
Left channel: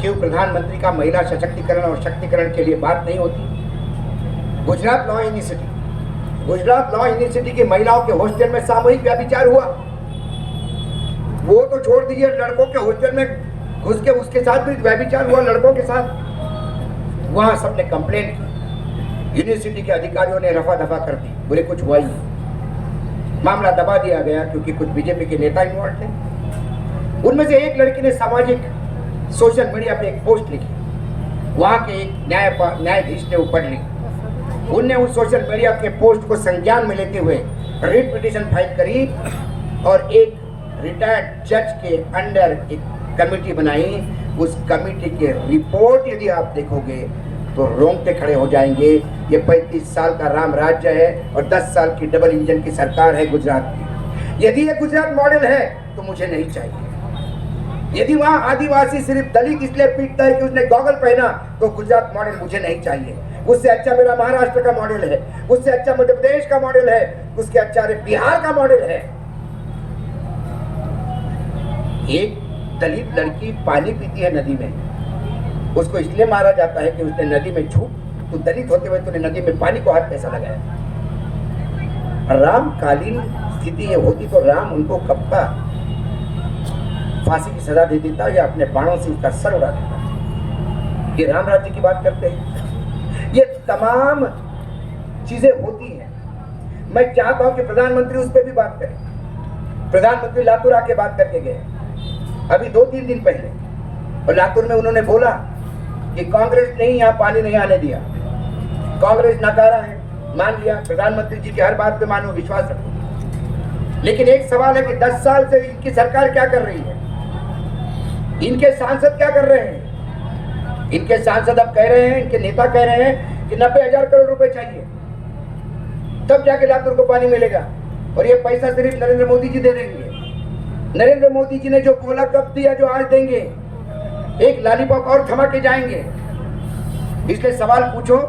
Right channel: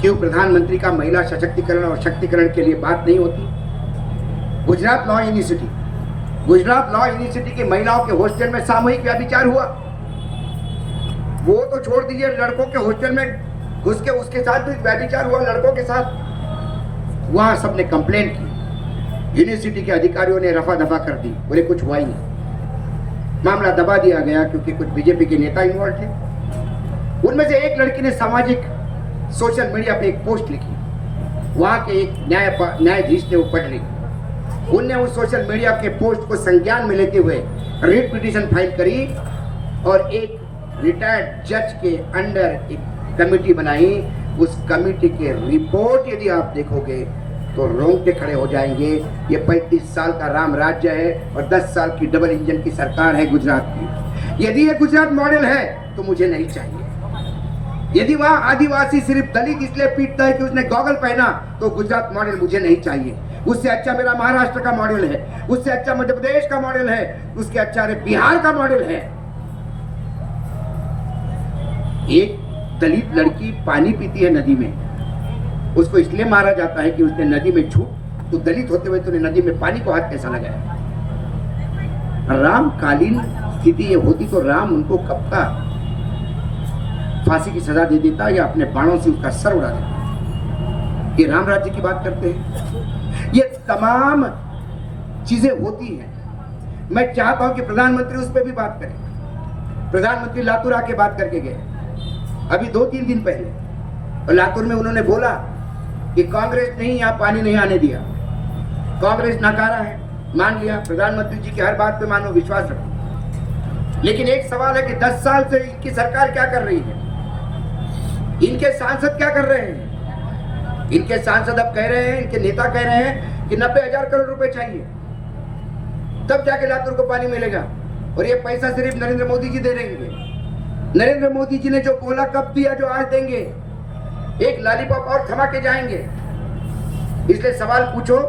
क्यों प्रधानमंत्री का महिला सशक्तिकरण और शक्तिकरण के लिए बात नहीं होती? गुजरात लॉ यूनिवर्सिटी की महिलाओं के हॉस्टल में सामूहिक व्यभिचार हुआ, वो तो छोड़ दीजिए, लड़कों के हॉस्टल में घुस के उसके साथ भी व्यभिचार हुआ, लड़कों के साथ। वहां सबने कंप्लेंट की, यूनिवर्सिटी के अधिकारियों ने रफा दफा कर दी, बोले कुछ हुआ ही नहीं। मामला दबा दिया गया क्योंकि कुछ बीजेपी के नेता इन्वॉल्व थे। उनमें से एक लड़की ने सामाजिक सोशल मीडिया पे एक पोस्ट लिखी, वहां के एक न्यायाधीश ने वो पढ़ ली। उनने उस सोशल मीडिया के पोस्ट को संज्ञान में लेते हुए रिट पिटीशन फाइल करी और एक रिटायर्ड जज के अंडर एक कमेटी बनाई। उस कमेटी के रिपोर्ट यदि आप देखोगे तो रोंगटे खड़े हो जाएंगे। ये 35 साल का राम राज्य है और 10 साल की डबल इंजन की सरकार है गुजरात की। यदि ये गुजरात मॉडल है तो मुझे नहीं चाहिए। यदि वहां आदिवासी सिर्फ दलित इसलिए पीटता है कि उसने गॉगल पहना तो गुजरात मॉडल मुझे नहीं चाहिए। उससे अच्छा मेरा महाराष्ट्र का मॉडल है, उससे अच्छा मध्य प्रदेश का मॉडल है, उसके अच्छा बिहार का मॉडल है। एक दलित लड़की पानी पीती है नदी में, उसको इसलिए मारा जाता है कि उसने नदी में छूट, तो दलित होते हुए तूने नदी में पानी को हाथ कैसा लगाया। रामकालीन स्थिति ये होती तो राम उनको कब का फांसी की सजा दे देता या अपने बाणों से उसका सर उड़ा देता। ये राम राज्य की बात करते हैं। ये तमाम चीजें होती हैं। मैं चाहता हूं कि प्रधानमंत्री उस पर भी बात करें। प्रधानमंत्री लातूर आके बात करके गए अभी 2-3 दिन पहले, और लातूर में उन्होंने बोला कि कांग्रेस ने यहाँ पानी नहीं आने दिया, कांग्रेस नकारा है। मान लिया, प्रधानमंत्री जी की हर बात पे मानो, विश्वास रखो। लेकिन एक सवाल है कि 10 साल से इनकी सरकार क्या कर रही है, इनके सांसद क्या कर रहे हैं। इनके सांसद अब कह रहे हैं, इनके नेता कह रहे हैं कि 90,000 करोड़ रुपए चाहिए, तब जाके लातूर को पानी मिलेगा। और ये पैसा सिर्फ नरेंद्र मोदी जी दे देंगे। नरेंद्र मोदी जी ने जो बोला कब दिया, जो आज देंगे, एक लॉलीपॉप और थमा के जाएंगे। इसलिए सवाल पूछो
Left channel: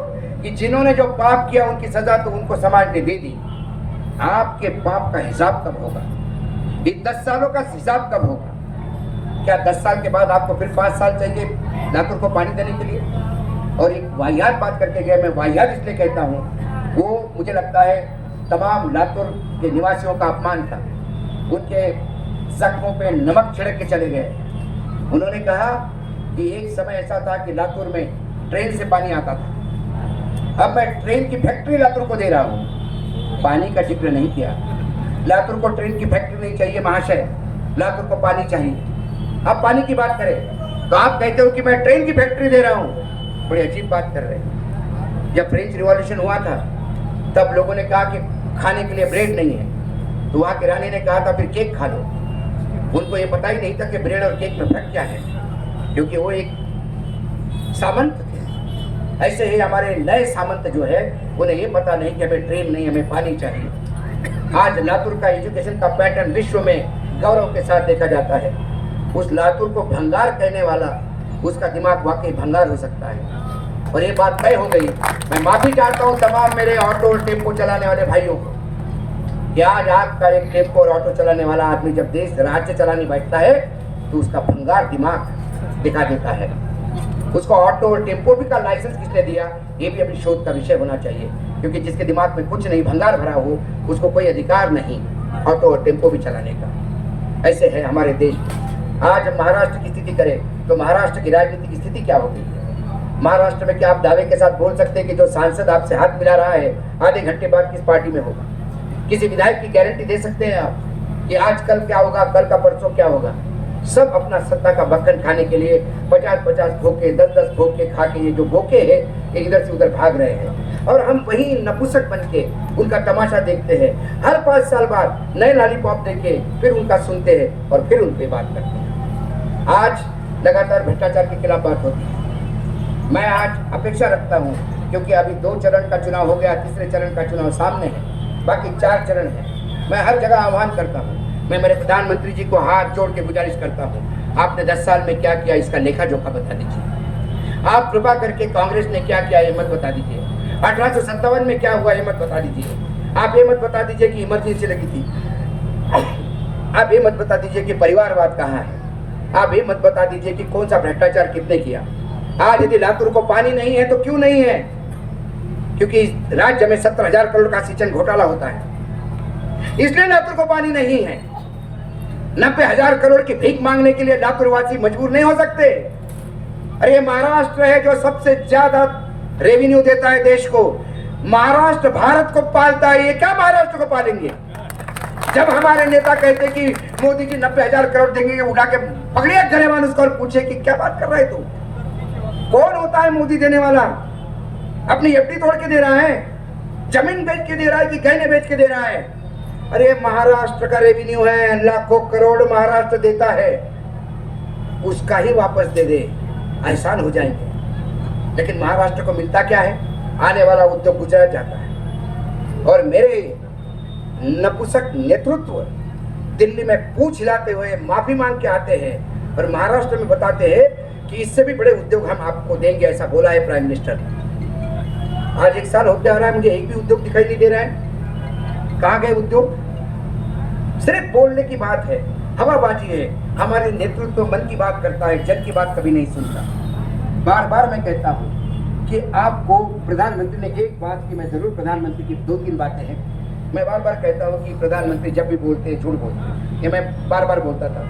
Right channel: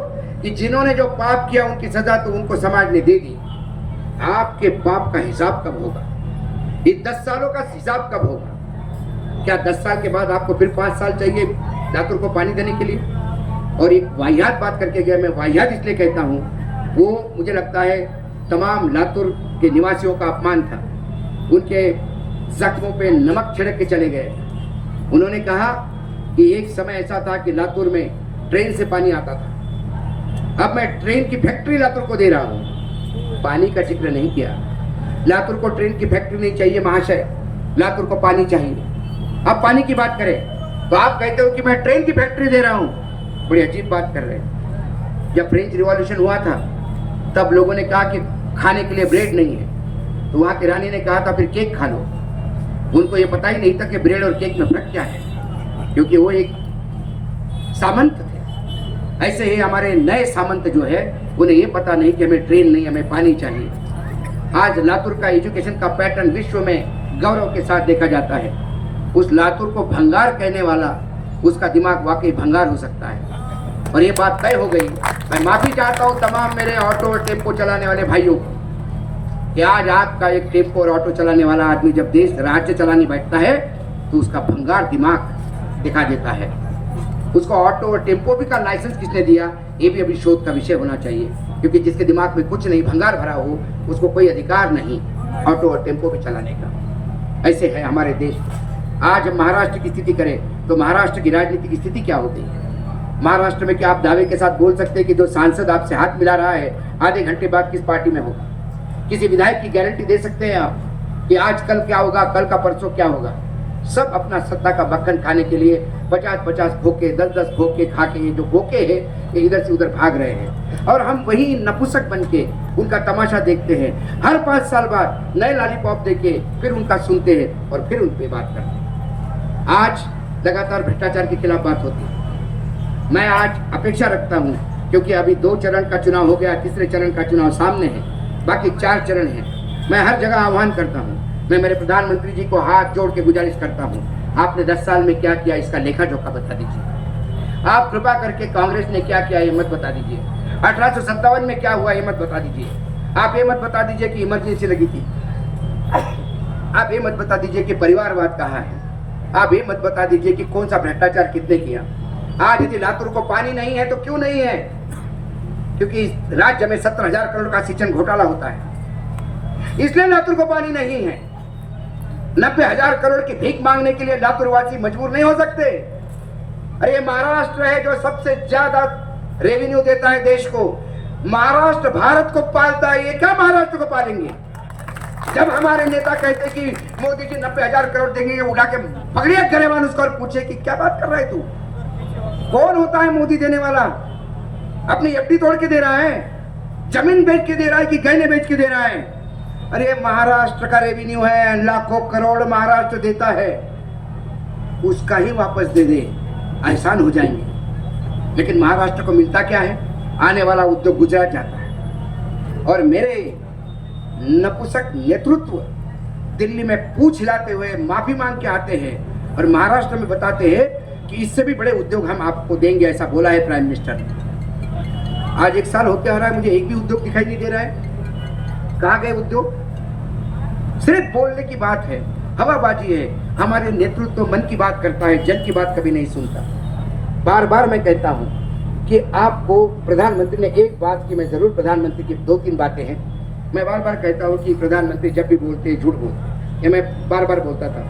कि जिन्होंने जो पाप किया उनकी सजा तो उनको समाज ने दे दी, आपके पाप का हिसाब कब होगा? ये 10 सालों का हिसाब कब होगा? क्या 10 साल के बाद आपको फिर 5 साल चाहिए लातूर को पानी देने के लिए? और एक वाहियात बात करके गया, मैं वाहियात इसलिए कहता हूँ, वो मुझे लगता है तमाम लातूर के निवासियों का अपमान था। उनके जख्मों पे नमक छिड़क के चले गए। उन्होंने कहा कि एक समय ऐसा था कि लातूर में ट्रेन से पानी आता था, अब मैं ट्रेन की फैक्ट्री लातूर को दे रहा हूँ। पानी का जिक्र नहीं किया। लातूर को ट्रेन की फैक्ट्री नहीं चाहिए महाशय, लातूर को पानी चाहिए। अब पानी की बात करें तो आप कहते हो कि मैं ट्रेन की फैक्ट्री दे रहा हूँ। बड़ी अजीब बात कर रहे हैं। जब फ्रेंच रिवॉल्यूशन हुआ था तब लोगों ने कहा कि खाने के लिए ब्रेड नहीं है, तो वहाँ की रानी ने कहा था फिर केक खा लो। उनको ये पता ही नहीं था कि ब्रेड और केक में फर्क क्या है, क्योंकि वो एक सामंत थे। ऐसे ही हमारे नए सामंत जो है उन्हें ये पता नहीं कि हमें ट्रेन नहीं, हमें पानी चाहिए। आज लातूर का एजुकेशन का पैटर्न विश्व में गौरव के साथ देखा जाता है। उस लातूर को भंगार कहने वाला, उसका दिमाग वाकई भंगार हो सकता है। और ये बात तय हो गई। मैं माफी चाहता हूँ तमाम मेरे ऑटो और टेम्पो चलाने वाले भाइयों कि आज आपका एक टेम्पो और ऑटो चलाने वाला आदमी जब देश राज्य चलाने बैठता है तो उसका भंगार दिमाग दिखा देता है। उसको ऑटो और टेम्पो भी का लाइसेंस किसने दिया, ये भी अभी शोध का विषय होना चाहिए, क्योंकि जिसके दिमाग में कुछ नहीं, भंगार भरा हो, उसको कोई अधिकार नहीं ऑटो और टेम्पो भी चलाने का। ऐसे है हमारे देश। आज हम महाराष्ट्र की स्थिति करें तो महाराष्ट्र की राजनीति की स्थिति क्या होगी? महाराष्ट्र में क्या आप दावे के साथ बोल सकते हैं कि जो सांसद आपसे हाथ मिला रहा है आधे घंटे बाद किस पार्टी में होगा? किसी विधायक की गारंटी दे सकते हैं आप कि आज कल क्या होगा, कल का परसों क्या होगा? सब अपना सत्ता का मक्खन खाने के लिए 50-50 भोके, 10-10 भोके खा के ये जो भोके हैं ये इधर से उधर भाग रहे हैं, और हम वही नपुंसक बन के उनका तमाशा देखते हैं। हर 5 साल बाद नए लॉलीपॉप देके फिर उनका सुनते हैं और फिर उन पर बात करते हैं। आज लगातार भ्रष्टाचार के खिलाफ बात होती है। मैं आज अपेक्षा रखता हूँ, क्योंकि अभी 2 चरण का चुनाव हो गया, तीसरे चरण का चुनाव सामने है, बाकी 4 चरण है। मैं हर जगह आह्वान करता हूँ, मैं मेरे प्रधानमंत्री जी को हाथ जोड़ के गुजारिश करता हूँ, आपने 10 साल में क्या किया इसका लेखा जोखा बता दीजिए। आप कृपा करके कांग्रेस ने क्या किया ये मत बता दीजिए। 1857 में क्या हुआ ये मत बता दीजिए। आप ये मत बता दीजिए कि इमरजेंसी लगी थी। आप ये मत बता दीजिए कि परिवारवाद कहाँ है। आप ये मत बता दीजिए कि कौन सा भ्रष्टाचार कितने किया। आज यदि लातूर को पानी नहीं है तो क्यों नहीं है? क्योंकि राज्य में 70,000 करोड़ का सिंचन घोटाला होता है, इसलिए लातूर को पानी नहीं है। 90,000 करोड़ की भीख मांगने के लिए लातूरवासी मजबूर नहीं हो सकते। अरे ये महाराष्ट्र है जो सबसे ज्यादा रेवेन्यू देता है देश को। महाराष्ट्र भारत को पालता है, ये क्या महाराष्ट्र को पालेंगे? जब हमारे नेता कहते कि मोदी जी 90,000 करोड़ देंगे, उठा के पकड़िए गरेबान उसको और पूछे कि क्या बात कर रहा है तू? कौन होता है मोदी देने वाला? अपनी एफडी तोड़ के दे रहा है, जमीन बेच के दे रहा है कि गहने बेच के दे रहा है? अरे महाराष्ट्र का रेवेन्यू है, लाखों करोड़ महाराष्ट्र देता है, उसका ही वापस दे दे, एहसान हो जाएंगे। लेकिन महाराष्ट्र को मिलता क्या है? आने वाला उद्योग गुजरात जाता है। और मेरे नपुंसक नेतृत्व दिल्ली में पूछ हिलाते हुए माफी मांग के आते हैं और महाराष्ट्र में बताते हैं कि इससे भी बड़े उद्योग हम आपको देंगे, ऐसा बोला है प्राइम मिनिस्टर ने। आज 1 साल होते आ रहा है, मुझे एक भी उद्योग दिखाई नहीं दे रहा है। कहाँ गए उद्योग? सिर्फ बोलने की बात है, हवाबाजी है। हमारे नेतृत्व मन की बात करता है, जन की बात कभी नहीं सुनता। बार बार मैं कहता हूँ कि आपको प्रधानमंत्री ने एक बात की, मैं जरूर प्रधानमंत्री की 2-3 बातें हैं। मैं बार बार कहता हूँ कि प्रधानमंत्री जब भी बोलते हैं झूठ बोलते हैं, ये मैं बार बार बोलता था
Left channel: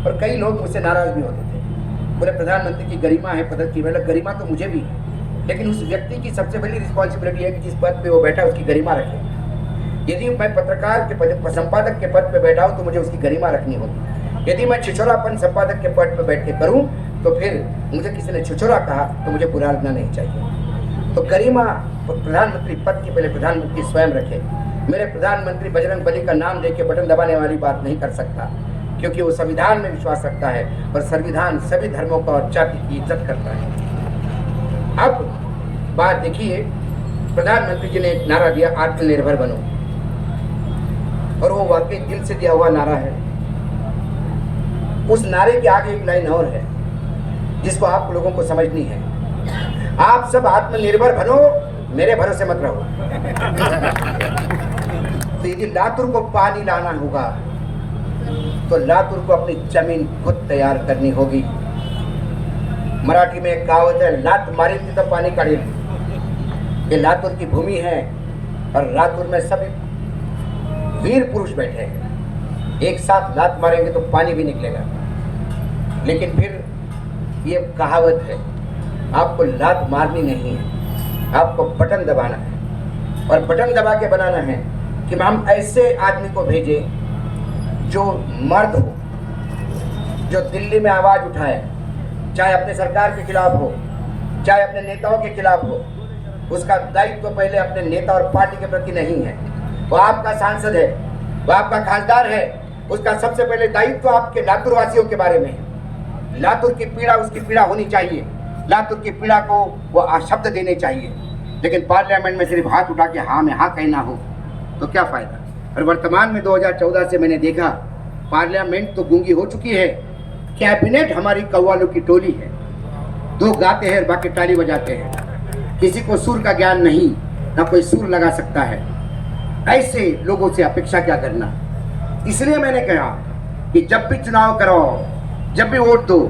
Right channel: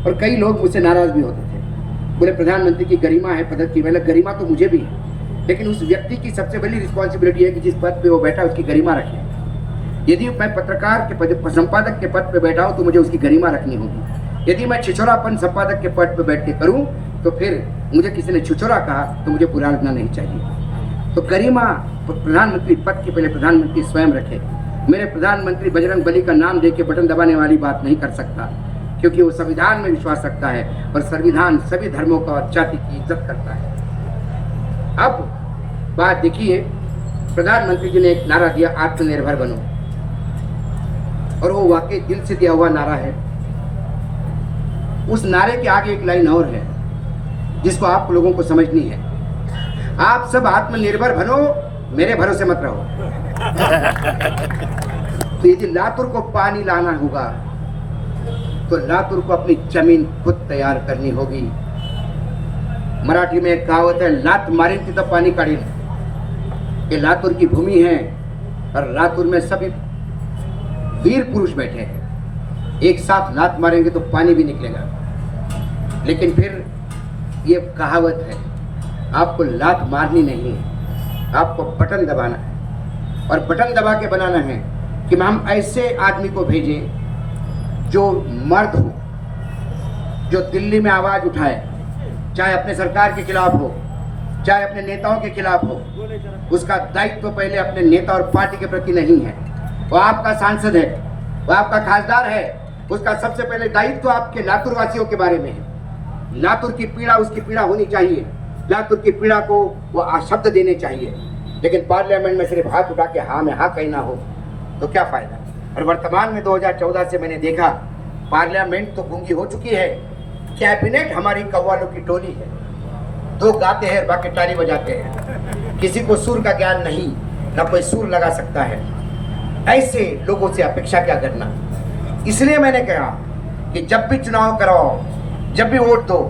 और कई लोग मुझसे नाराज भी होते थे। बोले प्रधानमंत्री की गरिमा है पद की। मैंने गरिमा तो मुझे भी है, लेकिन उस व्यक्ति की सबसे बड़ी रिस्पॉन्सिबिलिटी है कि जिस पद पे वो बैठा उसकी गरिमा रखे। यदि मैं पत्रकार के पद, संपादक के पद पे बैठा हूँ तो मुझे उसकी गरिमा रखनी होगी। यदि मैं छिछोरापन संपादक के पद पे बैठ के करूँ तो फिर मुझे किसी ने छिछोरा कहा तो मुझे बुरा लगना नहीं चाहिए। तो गरिमा प्रधानमंत्री पद की पहले प्रधानमंत्री स्वयं रखे। मेरे प्रधानमंत्री बजरंग बली का नाम दे के बटन दबाने वाली बात नहीं कर सकता, क्योंकि वो संविधान में विश्वास रखता है और संविधान सभी धर्मों का और जाति की इज्जत करता है। अब बात देखिए, प्रधानमंत्री जी ने एक नारा दिया, आत्मनिर्भर बनो, और वो वाकई दिल से दिया हुआ नारा है। उस नारे के आगे एक लाइन और है जिसको आप लोगों को समझनी है। आप सब आत्मनिर्भर बनो, मेरे भरोसे मत रहो। तो यदि लातूर को पानी लाना होगा तो लातूर को अपनी जमीन खुद तैयार करनी होगी। मराठी में एक कहावत है, लात मारी थी तो पानी काढ़ेल। ये लातूर की भूमि है और लातूर में सभी वीर पुरुष बैठे हैं। एक साथ लात मारेंगे तो पानी भी निकलेगा। लेकिन फिर ये कहावत है, आपको लात मारनी नहीं है, आपको बटन दबाना है। और बटन दबा के बनाना है कि हम ऐसे आदमी को भेजें जो मर्द हो, जो दिल्ली में आवाज उठाए, चाहे अपने सरकार के खिलाफ हो, चाहे अपने नेताओं के खिलाफ हो। उसका दायित्व तो पहले अपने नेता और पार्टी के प्रति नहीं है। वो आपका सांसद है, वो आपका खासदार है, उसका सबसे पहले दायित्व तो आपके लातूर वासियों के बारे में है। लातूर की पीड़ा उसकी पीड़ा होनी चाहिए, लातूर की पीड़ा को वो शब्द देने चाहिए। लेकिन पार्लियामेंट में सिर्फ हाथ उठा के हाँ में हाँ कहना हो तो क्या फायदा। और वर्तमान में 2014 से मैंने देखा पार्लियामेंट तो गूंगी हो चुकी है, कैबिनेट हमारी कव्वालों की टोली है। 2 गाते हैं बाकी ताली बजाते हैं, किसी को सुर का ज्ञान नहीं, ना कोई सुर लगा सकता है। ऐसे लोगों से अपेक्षा क्या करना। इसलिए मैंने कहा कि जब भी चुनाव कराओ, जब भी वोट दो,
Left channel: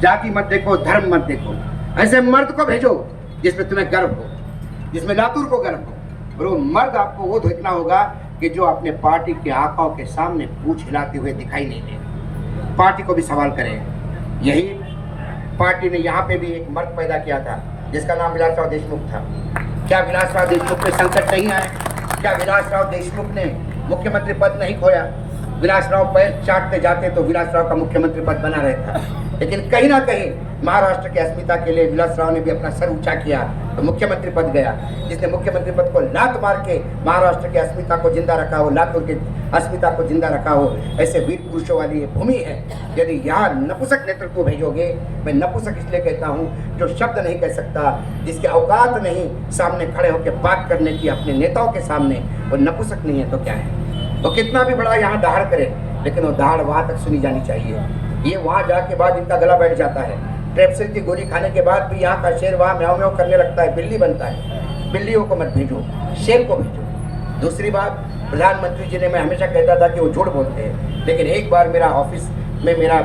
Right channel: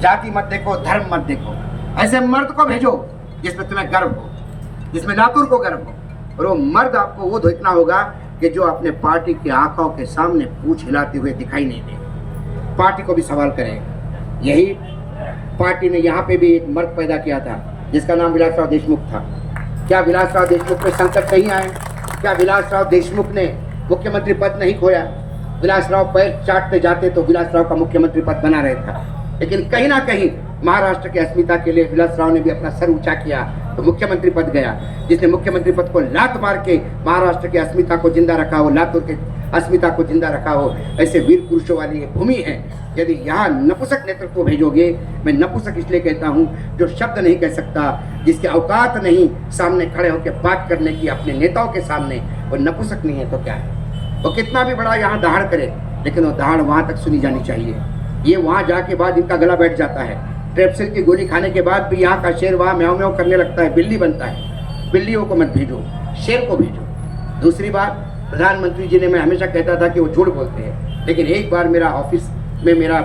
जाति मत देखो, धर्म मत देखो, ऐसे मर्द को भेजो जिसमें तुम्हें गर्व हो, जिसमें लातूर को गर्व हो। और वो मर्द आपको वो देखना होगा कि जो अपने पार्टी के आकाओं के सामने पूंछ हिलाते हुए दिखाई नहीं दे, पार्टी को भी सवाल करें। यही पार्टी ने यहाँ पे भी एक मर्द पैदा किया था जिसका नाम विलासराव देशमुख था। क्या विलासराव देशमुख पे संकट नहीं आए? क्या विलासराव देशमुख ने मुख्यमंत्री पद नहीं खोया? विलासराव पैर चाटते जाते तो विलासराव का मुख्यमंत्री पद बना रहता। लेकिन कहीं ना कहीं महाराष्ट्र की अस्मिता के लिए विलासराव ने भी अपना सर ऊंचा किया तो मुख्यमंत्री पद गया। जिसने मुख्यमंत्री पद को लात मार के महाराष्ट्र की अस्मिता को जिंदा रखा हो, लातूर की अस्मिता को जिंदा रखा हो, ऐसे वीर पुरुषों वाली भूमि है। यदि यहाँ नपुंसक नेतृत्व भेजोगे, मैं नपुंसक इसलिए कहता हूँ जो शब्द नहीं कह सकता, जिसके औकात नहीं सामने खड़े होकर बात करने की अपने नेताओं के सामने, वो नपुंसक नहीं है तो क्या है। और कितना भी बड़ा यहाँ दहाड़ करे, लेकिन वो दहाड़ वहाँ तक सुनी जानी चाहिए। ये वहाँ जाके बाद इनका गला बैठ जाता है। ट्रेप्सिल की गोली खाने के बाद भी यहाँ का शेर वहाँ म्याऊं म्याऊं करने लगता है, बिल्ली बनता है। बिल्लियों को मत भेजो, शेर को भेजो। दूसरी बात, प्रधानमंत्री जी ने, मैं हमेशा कहता था कि वो झूठ बोलते हैं, लेकिन एक बार मेरा ऑफिस में मेरा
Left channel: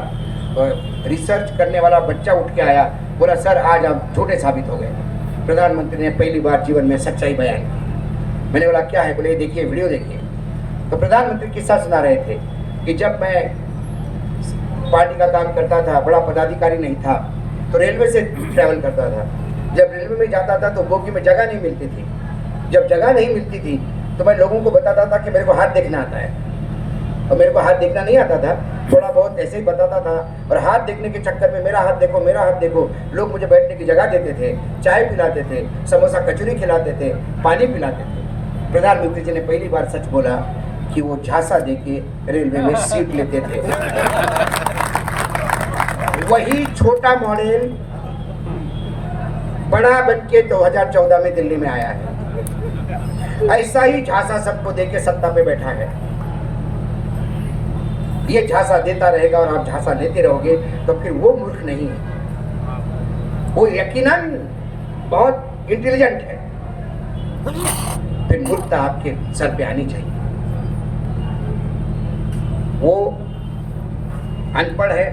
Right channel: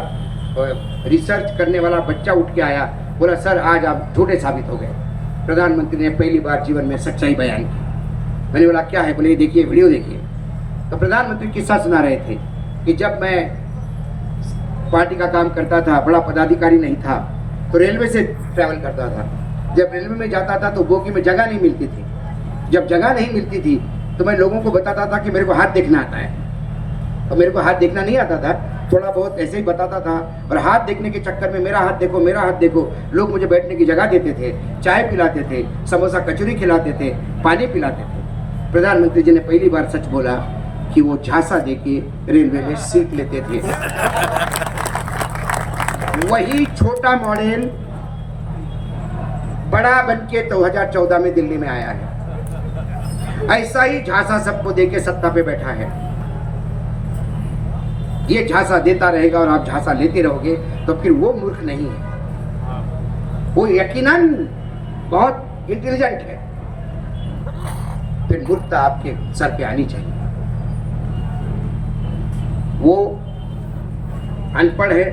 रिसर्च करने वाला बच्चा उठ के आया, बोला सर आज आप झूठे साबित हो गए। प्रधानमंत्री ने पहली बार जीवन में सच्चाई बयान की। मैंने बोला क्या है? बोले देखिए, वीडियो देखिए। तो प्रधानमंत्री किस्सा सुना रहे थे कि जब मैं पार्टी का काम करता था, बड़ा पदाधिकारी नहीं था, तो रेलवे से ट्रैवल करता था। जब रेलवे में जाता था तो बोगी में जगह नहीं मिलती थी। जब जगह नहीं मिलती थी तो मैं लोगों को बताता था कि मेरे को हाथ देखना आता है, और मेरे को हाथ देखना नहीं आता था, थोड़ा बहुत ऐसे ही बताता था। और हाथ देखने के चक्कर में मेरा हाथ देखो, मेरा हाथ देखो, लोग मुझे बैठने की जगह देते थे, चाय पिलाते थे, समोसा कचौरी खिलाते थे, पानी पिलाते थे। प्रधानमंत्री जी ने पहली बार सच बोला कि वो झांसा देके रेलवे में सीट लेते थे। वही छोटा मॉडल बड़ा बनके 2014 में दिल्ली में आया है। ऐसा ही झांसा सबको देके सत्ता पे बैठा है। ये झांसा देता रहेगा और आप झांसा लेते रहोगे तो फिर वो मूर्ख नहीं है, वो यकीनन बहुत इंटेलिजेंट है। फिर मूर्खता आपके सर पे आनी चाहिए। वो अनपढ़ है,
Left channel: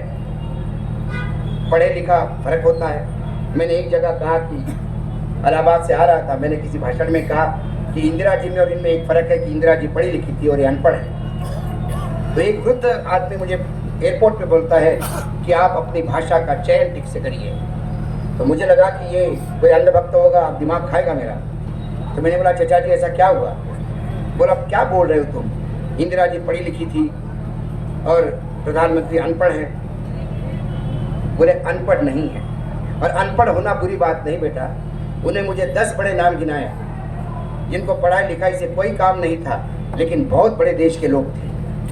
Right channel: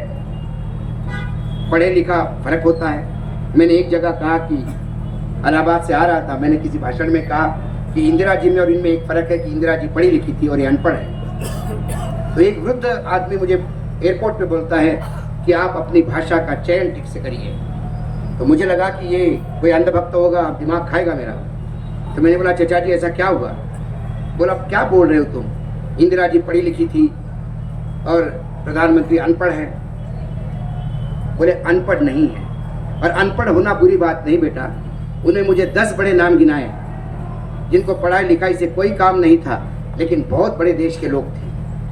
पढ़े लिखा फर्क होता है। मैंने एक जगह कहा कि इलाहाबाद से आ रहा था, मैंने किसी भाषण में कहा कि इंदिरा जी में और इनमें एक फ़र्क है कि इंदिरा जी पढ़ी लिखी थी और ये अनपढ़ है। तो एक वृद्ध आदमी मुझे एयरपोर्ट पे बोलता है कि आप अपनी भाषा का चयन ठीक से करिए। तो मुझे लगा कि ये कोई अंधभक्त होगा, दिमाग खाएगा मेरा। तो मैंने बोला चाचा जी ऐसा क्या हुआ? बोला क्या बोल रहे हो तुम, इंदिरा जी पढ़ी लिखी थी और प्रधानमंत्री अनपढ़ है। बोले अनपढ़ नहीं है, और अनपढ़ होना बुरी बात नहीं बेटा। उन्हें मुझे 10 बड़े नाम गिनाए जिनको पढ़ाई लिखाई से कोई काम नहीं था, लेकिन बहुत बड़े देश के लोग थे।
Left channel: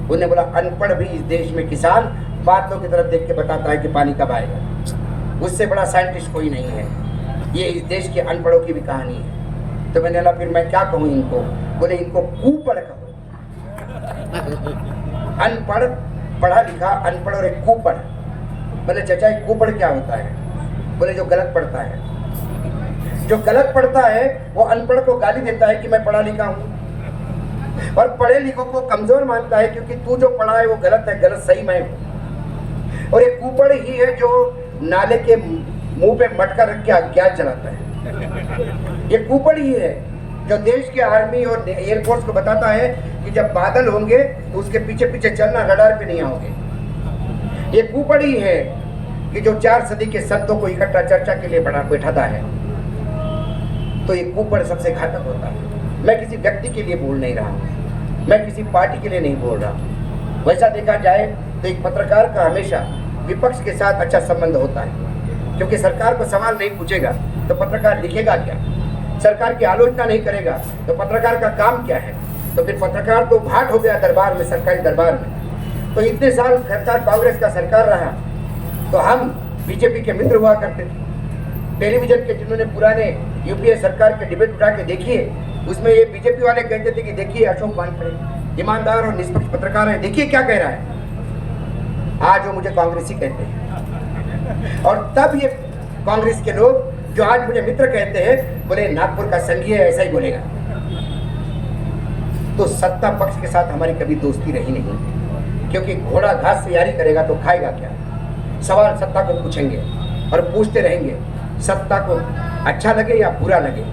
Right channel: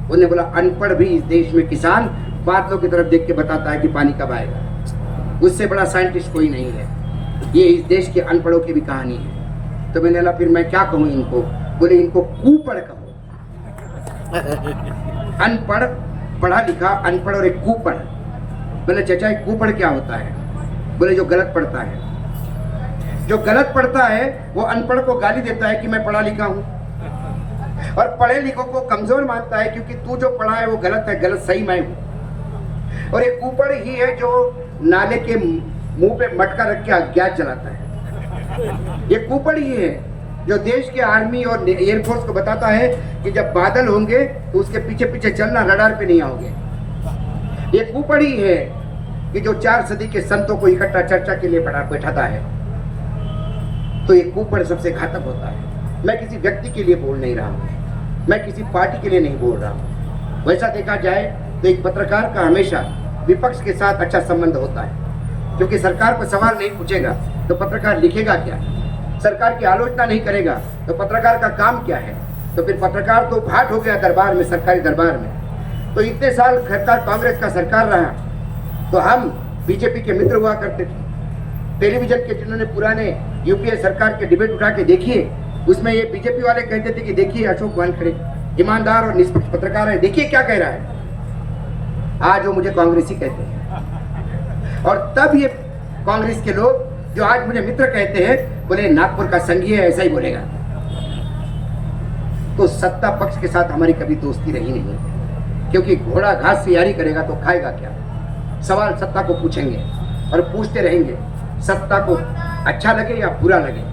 उन्हें बोला अनपढ़ भी इस देश में किसान बादलों की तरफ देख के बताता है कि पानी कब आएगा। उससे बड़ा साइंटिस्ट कोई नहीं है। ये इस देश के अनपढ़ों की भी कहानी है। तो मैंने बोला फिर मैं क्या कहूँ इनको? बोले इनको कुपढ़ कहो। अनपढ़, पढ़ा लिखा, अनपढ़ और एक कुपढ़। बोले चाचा एक कुपढ़ क्या होता है? बोले जो गलत पढ़ता है। जो गलत पढ़ता है वो अनपढ़ को गाली देता है कि मैं पढ़ा लिखा हूँ, और पढ़े लिखों को कमजोर मानता है क्योंकि तू जो पढ़ा है वो गलत है, गलत सही मैं हूँ। और एक कुपढ़ ही है जो नाले के मुंह पे मटका रख के अज्ञात जलाता है। ये कुपढ़ ही है जो देश के आर्मी और एयरफोर्स को बताता है कि जब बादल होंगे तो उसके पीछे पीछे चलना, रडार पे नहीं आओगे। ये कुपढ़ ही है कि जो 4 सदी के संतों को इकट्ठा चर्चा के लिए बैठाता है। तो ये कुपढ़ सबसे घातक होता है। मैं किसी व्यक्ति के लिए बोल नहीं रहा, मैं किसी पार्टी के लिए नहीं बोल रहा। वैसा देखा जाए तो एक पत्रकार का हमेशा विपक्ष के साथ अच्छा संबंध होता है, क्योंकि सरकार को सवाल नहीं पूछेगा तो पत्रकार लिखेगा क्या? सरकार की आलोचना नहीं करेगा तो पत्रकार का काम क्या है? तो फिर पत्रकार तो भाट हो गया दरबार में, सरकारी दरबार में। तो इतने साल सरकार कांग्रेस का सरकार रहा तो हम बीजेपी के मित्र हुआ करते थे। टेलीविजन के जिन्होंने पुराने यूपीए सरकार के डिबेट उठा के देखिए, उसमें ये बीजेपी वाले कहते थे कि देखिए अशोक वानखेड़े ईमानदार और निष्पक्ष पत्रकार है, देखिए क्या कह रहा है। आज वो मुझे कांग्रेसी कहते हैं। और तब ये कांग्रेस के लोग जो आज मुझे मित्र कहते हैं, बोले नागपुर का संघी है, ऐसा ही बोलेगा। तो सत्ता पक्ष के साथ हमारी कभी दोस्ती रही नहीं, क्योंकि घोड़ा घास से यारी करेगा तो खाएगा क्या? सवाल सत्ता को पूछेंगे और पूछते रहेंगे, सत्ता को अच्छा लगे या बुरा लगे,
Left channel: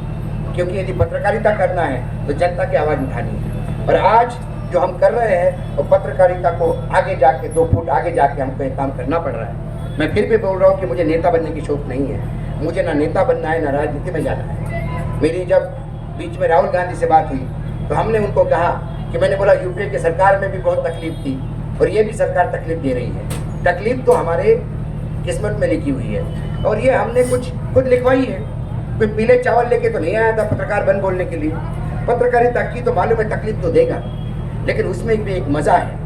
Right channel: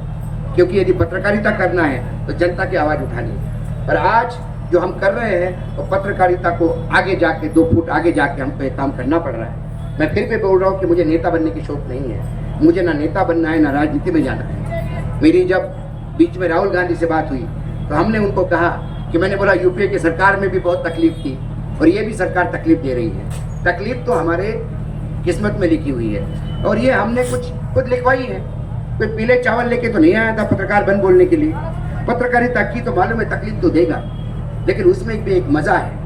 क्योंकि यदि पत्रकारिता करना है तो जनता की आवाज़ उठानी है। और आज जो हम कर रहे हैं वो पत्रकारिता को आगे जाके 2 फुट आगे जाके हमको एक काम करना पड़ रहा है। मैं फिर भी बोल रहा हूँ कि मुझे नेता बनने की शौक नहीं है। मुझे ना नेता बनना है ना राजनीति में जाना है। मेरी जब बीच में राहुल गांधी से बात हुई तो हमने उनको कहा कि मैंने बोला यूपीए की सरकार में भी बहुत तकलीफ थी और ये भी सरकार तकलीफ दे रही है। तकलीफ तो हमारे किस्मत में लिखी हुई है और ये हमने कुछ खुद लिखवाई है। कोई पीले चावल लेके तो नहीं आया था पत्रकार बन बोलने के लिए। पत्रकारिता की तो मालूम है तकलीफ तो देगा, लेकिन उसमें भी एक मज़ा है,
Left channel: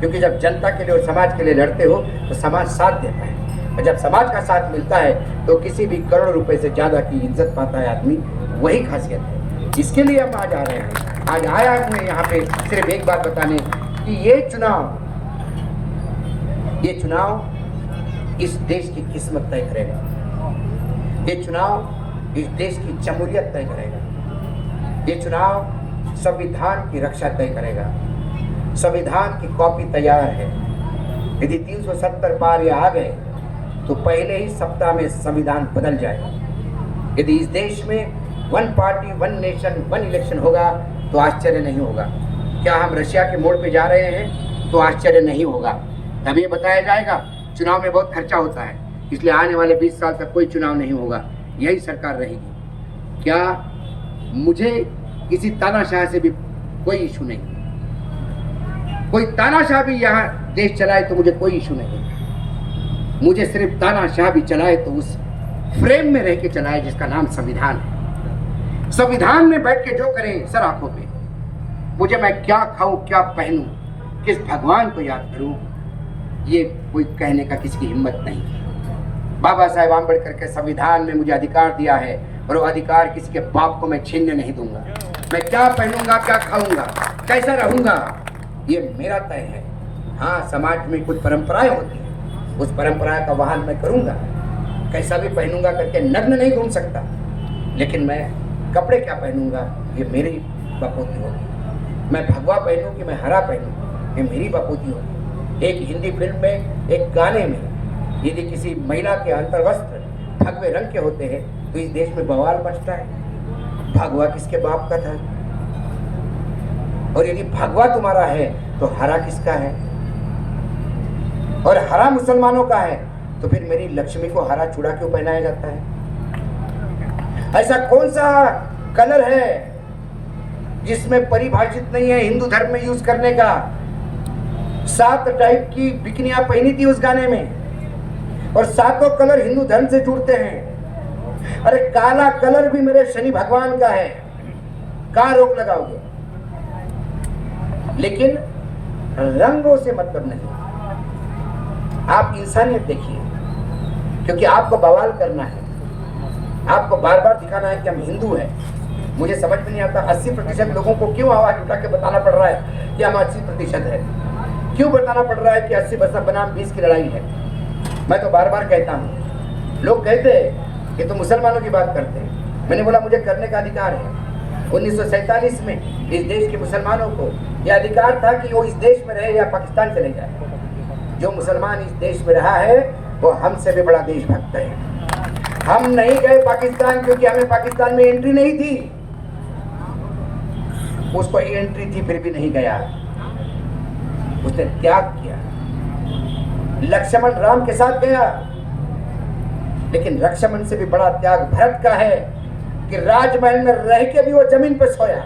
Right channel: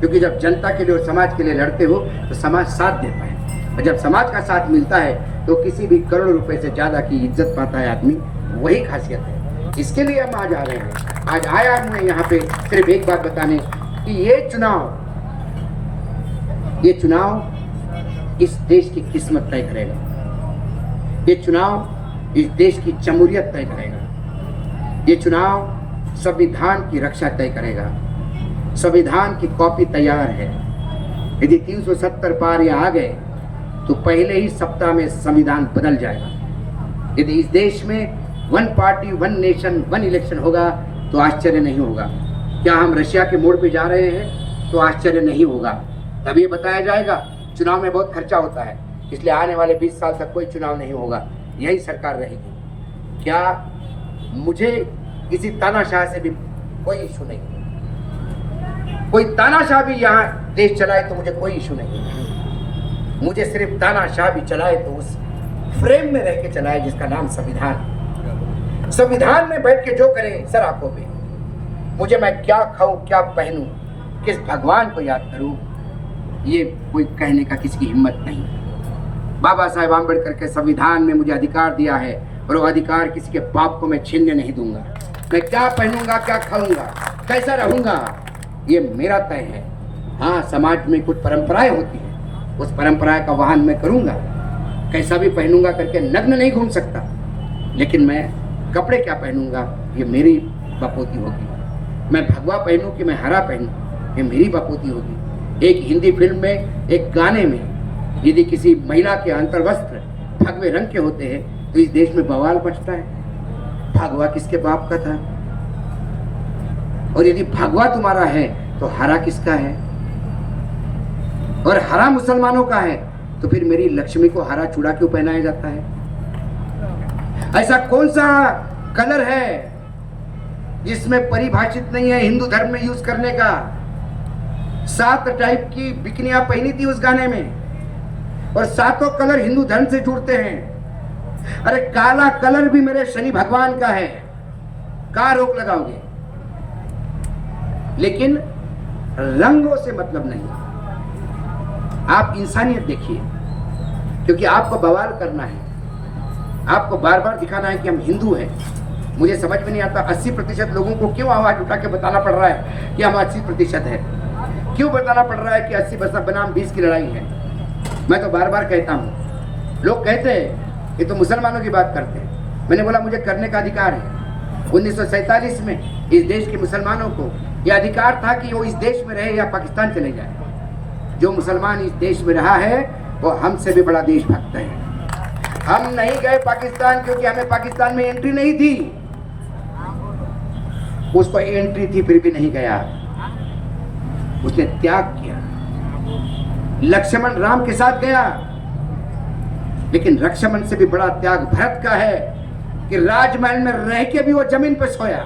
क्योंकि जब जनता के लिए और समाज के लिए लड़ते हो तो समाज साथ देता है, और जब समाज का साथ मिलता है तो किसी भी करोड़ रुपए से ज़्यादा की इज्जत पाता है आदमी। वही खासियत है, इसके लिए हम आज आ रहे हैं। आज आया मैं यहाँ पे सिर्फ एक बात बताने कि ये चुनाव इस देश की किस्मत तय करेगा। ये चुनाव इस देश की जमहूरियत तय करेगा। ये चुनाव संविधान की रक्षा तय करेगा। संविधान की कॉपी तैयार है। यदि 370 पार ये आ गए तो पहले ही सप्ताह में संविधान बदल जाएगा। यदि इस देश में 1 पार्टी 1 नेशन 1 इलेक्शन होगा तो आश्चर्य नहीं होगा। क्या हम रशिया के मोड़ पे जा रहे हैं? तो आश्चर्य नहीं होगा। तब ये बताया जाएगा चुनाव में बहुत खर्चा होता है, इसलिए आने वाले 20 साल तक कोई चुनाव नहीं होगा, यही सरकार रहेगी। क्या मुझे किसी तानाशाह से भी कोई इशू नहीं। कोई तानाशाह भी यहाँ देश चलाए तो मुझे कोई इशू नहीं। मुझे सिर्फ तानाशाह भी चलाए तो उस फ्रेम में रह के चलाए जिसका नाम संविधान है। संविधान में बैठ के जो करें सर आंखों पे, मुझे मैं क्या खाऊं, क्या पहनूं, किस भगवान को याद करूं, ये कोई कहने का किसी की हिम्मत नहीं। बाबा साहेब आम्बेडकर के संविधान में मुझे अधिकार दिया है और वो अधिकार किसी के बाप को मैं छीनने नहीं दूंगा। मैं क्या पहनूंगा, क्या खाऊंगा, कैसा रहूंगा, ये मेरा तय है। हाँ, समाज में कुछ परंपराएं होती हैं, उस परंपरा का वहन मैं करूंगा, कैसा भी पहनूंगा करके नग्न नहीं घूम सकता, लेकिन मैं कपड़े क्या पहनूंगा ये मेरी बपूती होगी। मैं भगवा पहनूं कि मैं हरा पहनूं ये मेरी बपूती होगी। एक हिंदी फिल्म में एक गाने में यदि किसी महिला के अंतर्वस्त्र भगवे रंग के होते हैं तो इस देश में बवाल मचता है। भगवा किसके बाप का था? और यदि भगवा तुम्हारा है तो हरा किसका है? और हरा मुसलमानों का है तो फिर मेरी लक्ष्मी को हरा चूड़ा क्यों पहनाया जाता है? ऐसा कौन सा कलर है जिसमें परिभाषित नहीं है हिंदू धर्म में यूज करने का? 7 टाइप की बिकनियां पहनी थी उस गाने में, और 7 कलर हिंदू धर्म से जुड़ते हैं। अरे काला कलर भी मेरे शनि भगवान का है, क्या रोक लगाओगे? लेकिन रंगों से मतलब नहीं, आप इंसानियत देखिए, क्योंकि आपको बवाल करना है, आपको बार बार दिखाना है कि हम हिंदू हैं। मुझे समझ में नहीं आता 80% लोगों को क्यों आवाज उठा के बताना पड़ रहा है कि हम 80% है। क्यों बताना पड़ रहा है कि 80% बनाम 20 की लड़ाई है? मैं तो बार बार कहता हूँ, लोग कहते हैं कि तुम मुसलमानों की बात करते हैं। मैंने बोला मुझे करने का अधिकार है। 1947 में इस देश के मुसलमानों को यह अधिकार था कि वो इस देश में रहे या पाकिस्तान चले जाए। जो मुसलमान इस देश में रहा है वो हमसे भी बड़ा देशभक्त है। हम नहीं गए पाकिस्तान क्योंकि हमें पाकिस्तान में एंट्री नहीं थी, उसको एंट्री थी फिर भी नहीं गया, उसने त्याग किया। लक्ष्मण राम के साथ गया, लेकिन लक्ष्मण से भी बड़ा त्याग भरत का है कि राजमहल में रह के भी वो जमीन पर सोया।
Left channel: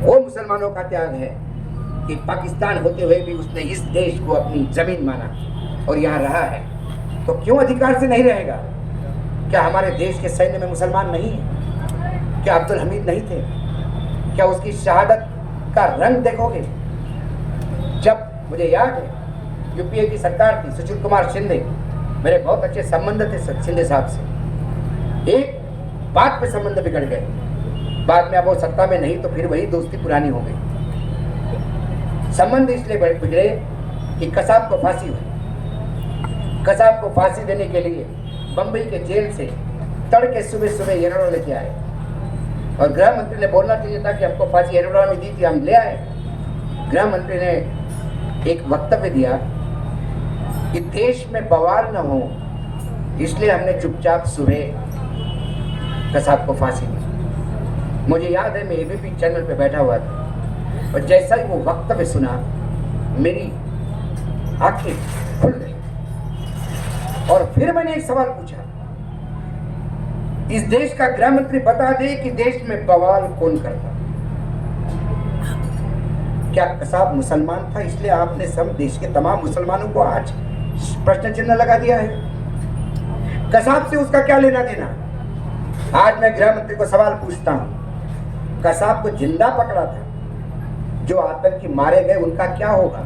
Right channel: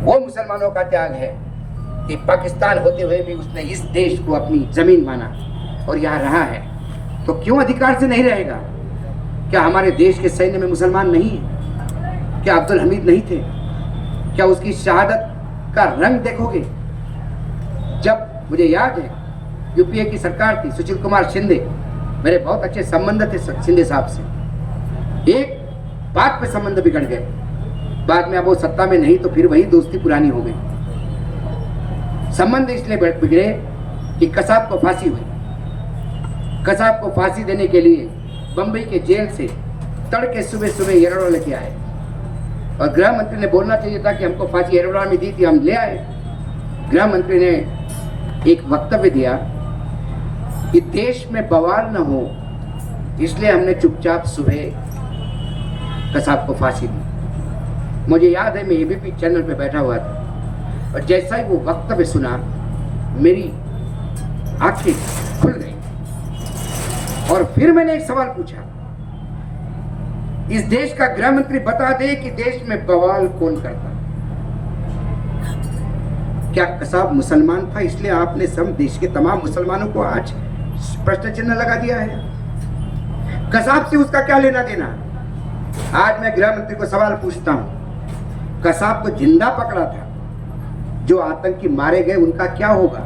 वो मुसलमानों का त्याग है कि पाकिस्तान होते हुए भी उसने इस देश को अपनी जमीन माना और यहाँ रहा है। तो क्यों अधिकार से नहीं रहेगा? क्या हमारे देश के सैन्य में मुसलमान नहीं है? क्या अब्दुल हमीद नहीं थे? क्या उसकी शहादत का रंग देखोगे? जब मुझे याद है यूपीए की सरकार थी, सुशील कुमार शिंदे, मेरे बहुत अच्छे संबंध थे शिंदे साहब से। एक बात पे संबंध बिगड़ गए, बाद में अब वो सत्ता में नहीं तो फिर वही दोस्ती पुरानी हो गई। संबंध इसलिए बिगड़े कि कसाब को फांसी हुई। कसाब को फांसी देने के लिए बंबई के जेल से तड़के सुबह सुबह येरवड़ा लेके आए, और गृह मंत्री ने बोलना चाहिए था कि हमको फांसी येरवड़ा में दी थी, हम ले आए। गृह मंत्री ने एक वक्तव्य दिया कि देश में बवाल न हो इसलिए हमने चुपचाप सुबह कसाब को फांसी दी। मुझे याद है मैं एबीपी चैनल पे बैठा हुआ था, और जैसा ही वो वक्तव्य सुना मेरी आंखें खुल गई। और फिर मैंने एक सवाल पूछा, इस देश का गृह मंत्री बता दे कि देश में बवाल कौन करता? क्या कसाब मुसलमान था इसलिए आपने सब देश के तमाम मुसलमानों को आज प्रश्न चिन्ह लगा दिया है? कसाब से उसका क्या लेना देना? आज मैं गृह मंत्री को सवाल पूछता हूं, कसाब को जिंदा पकड़ा था, जो आतंकी मारे गए उनका क्या होगा?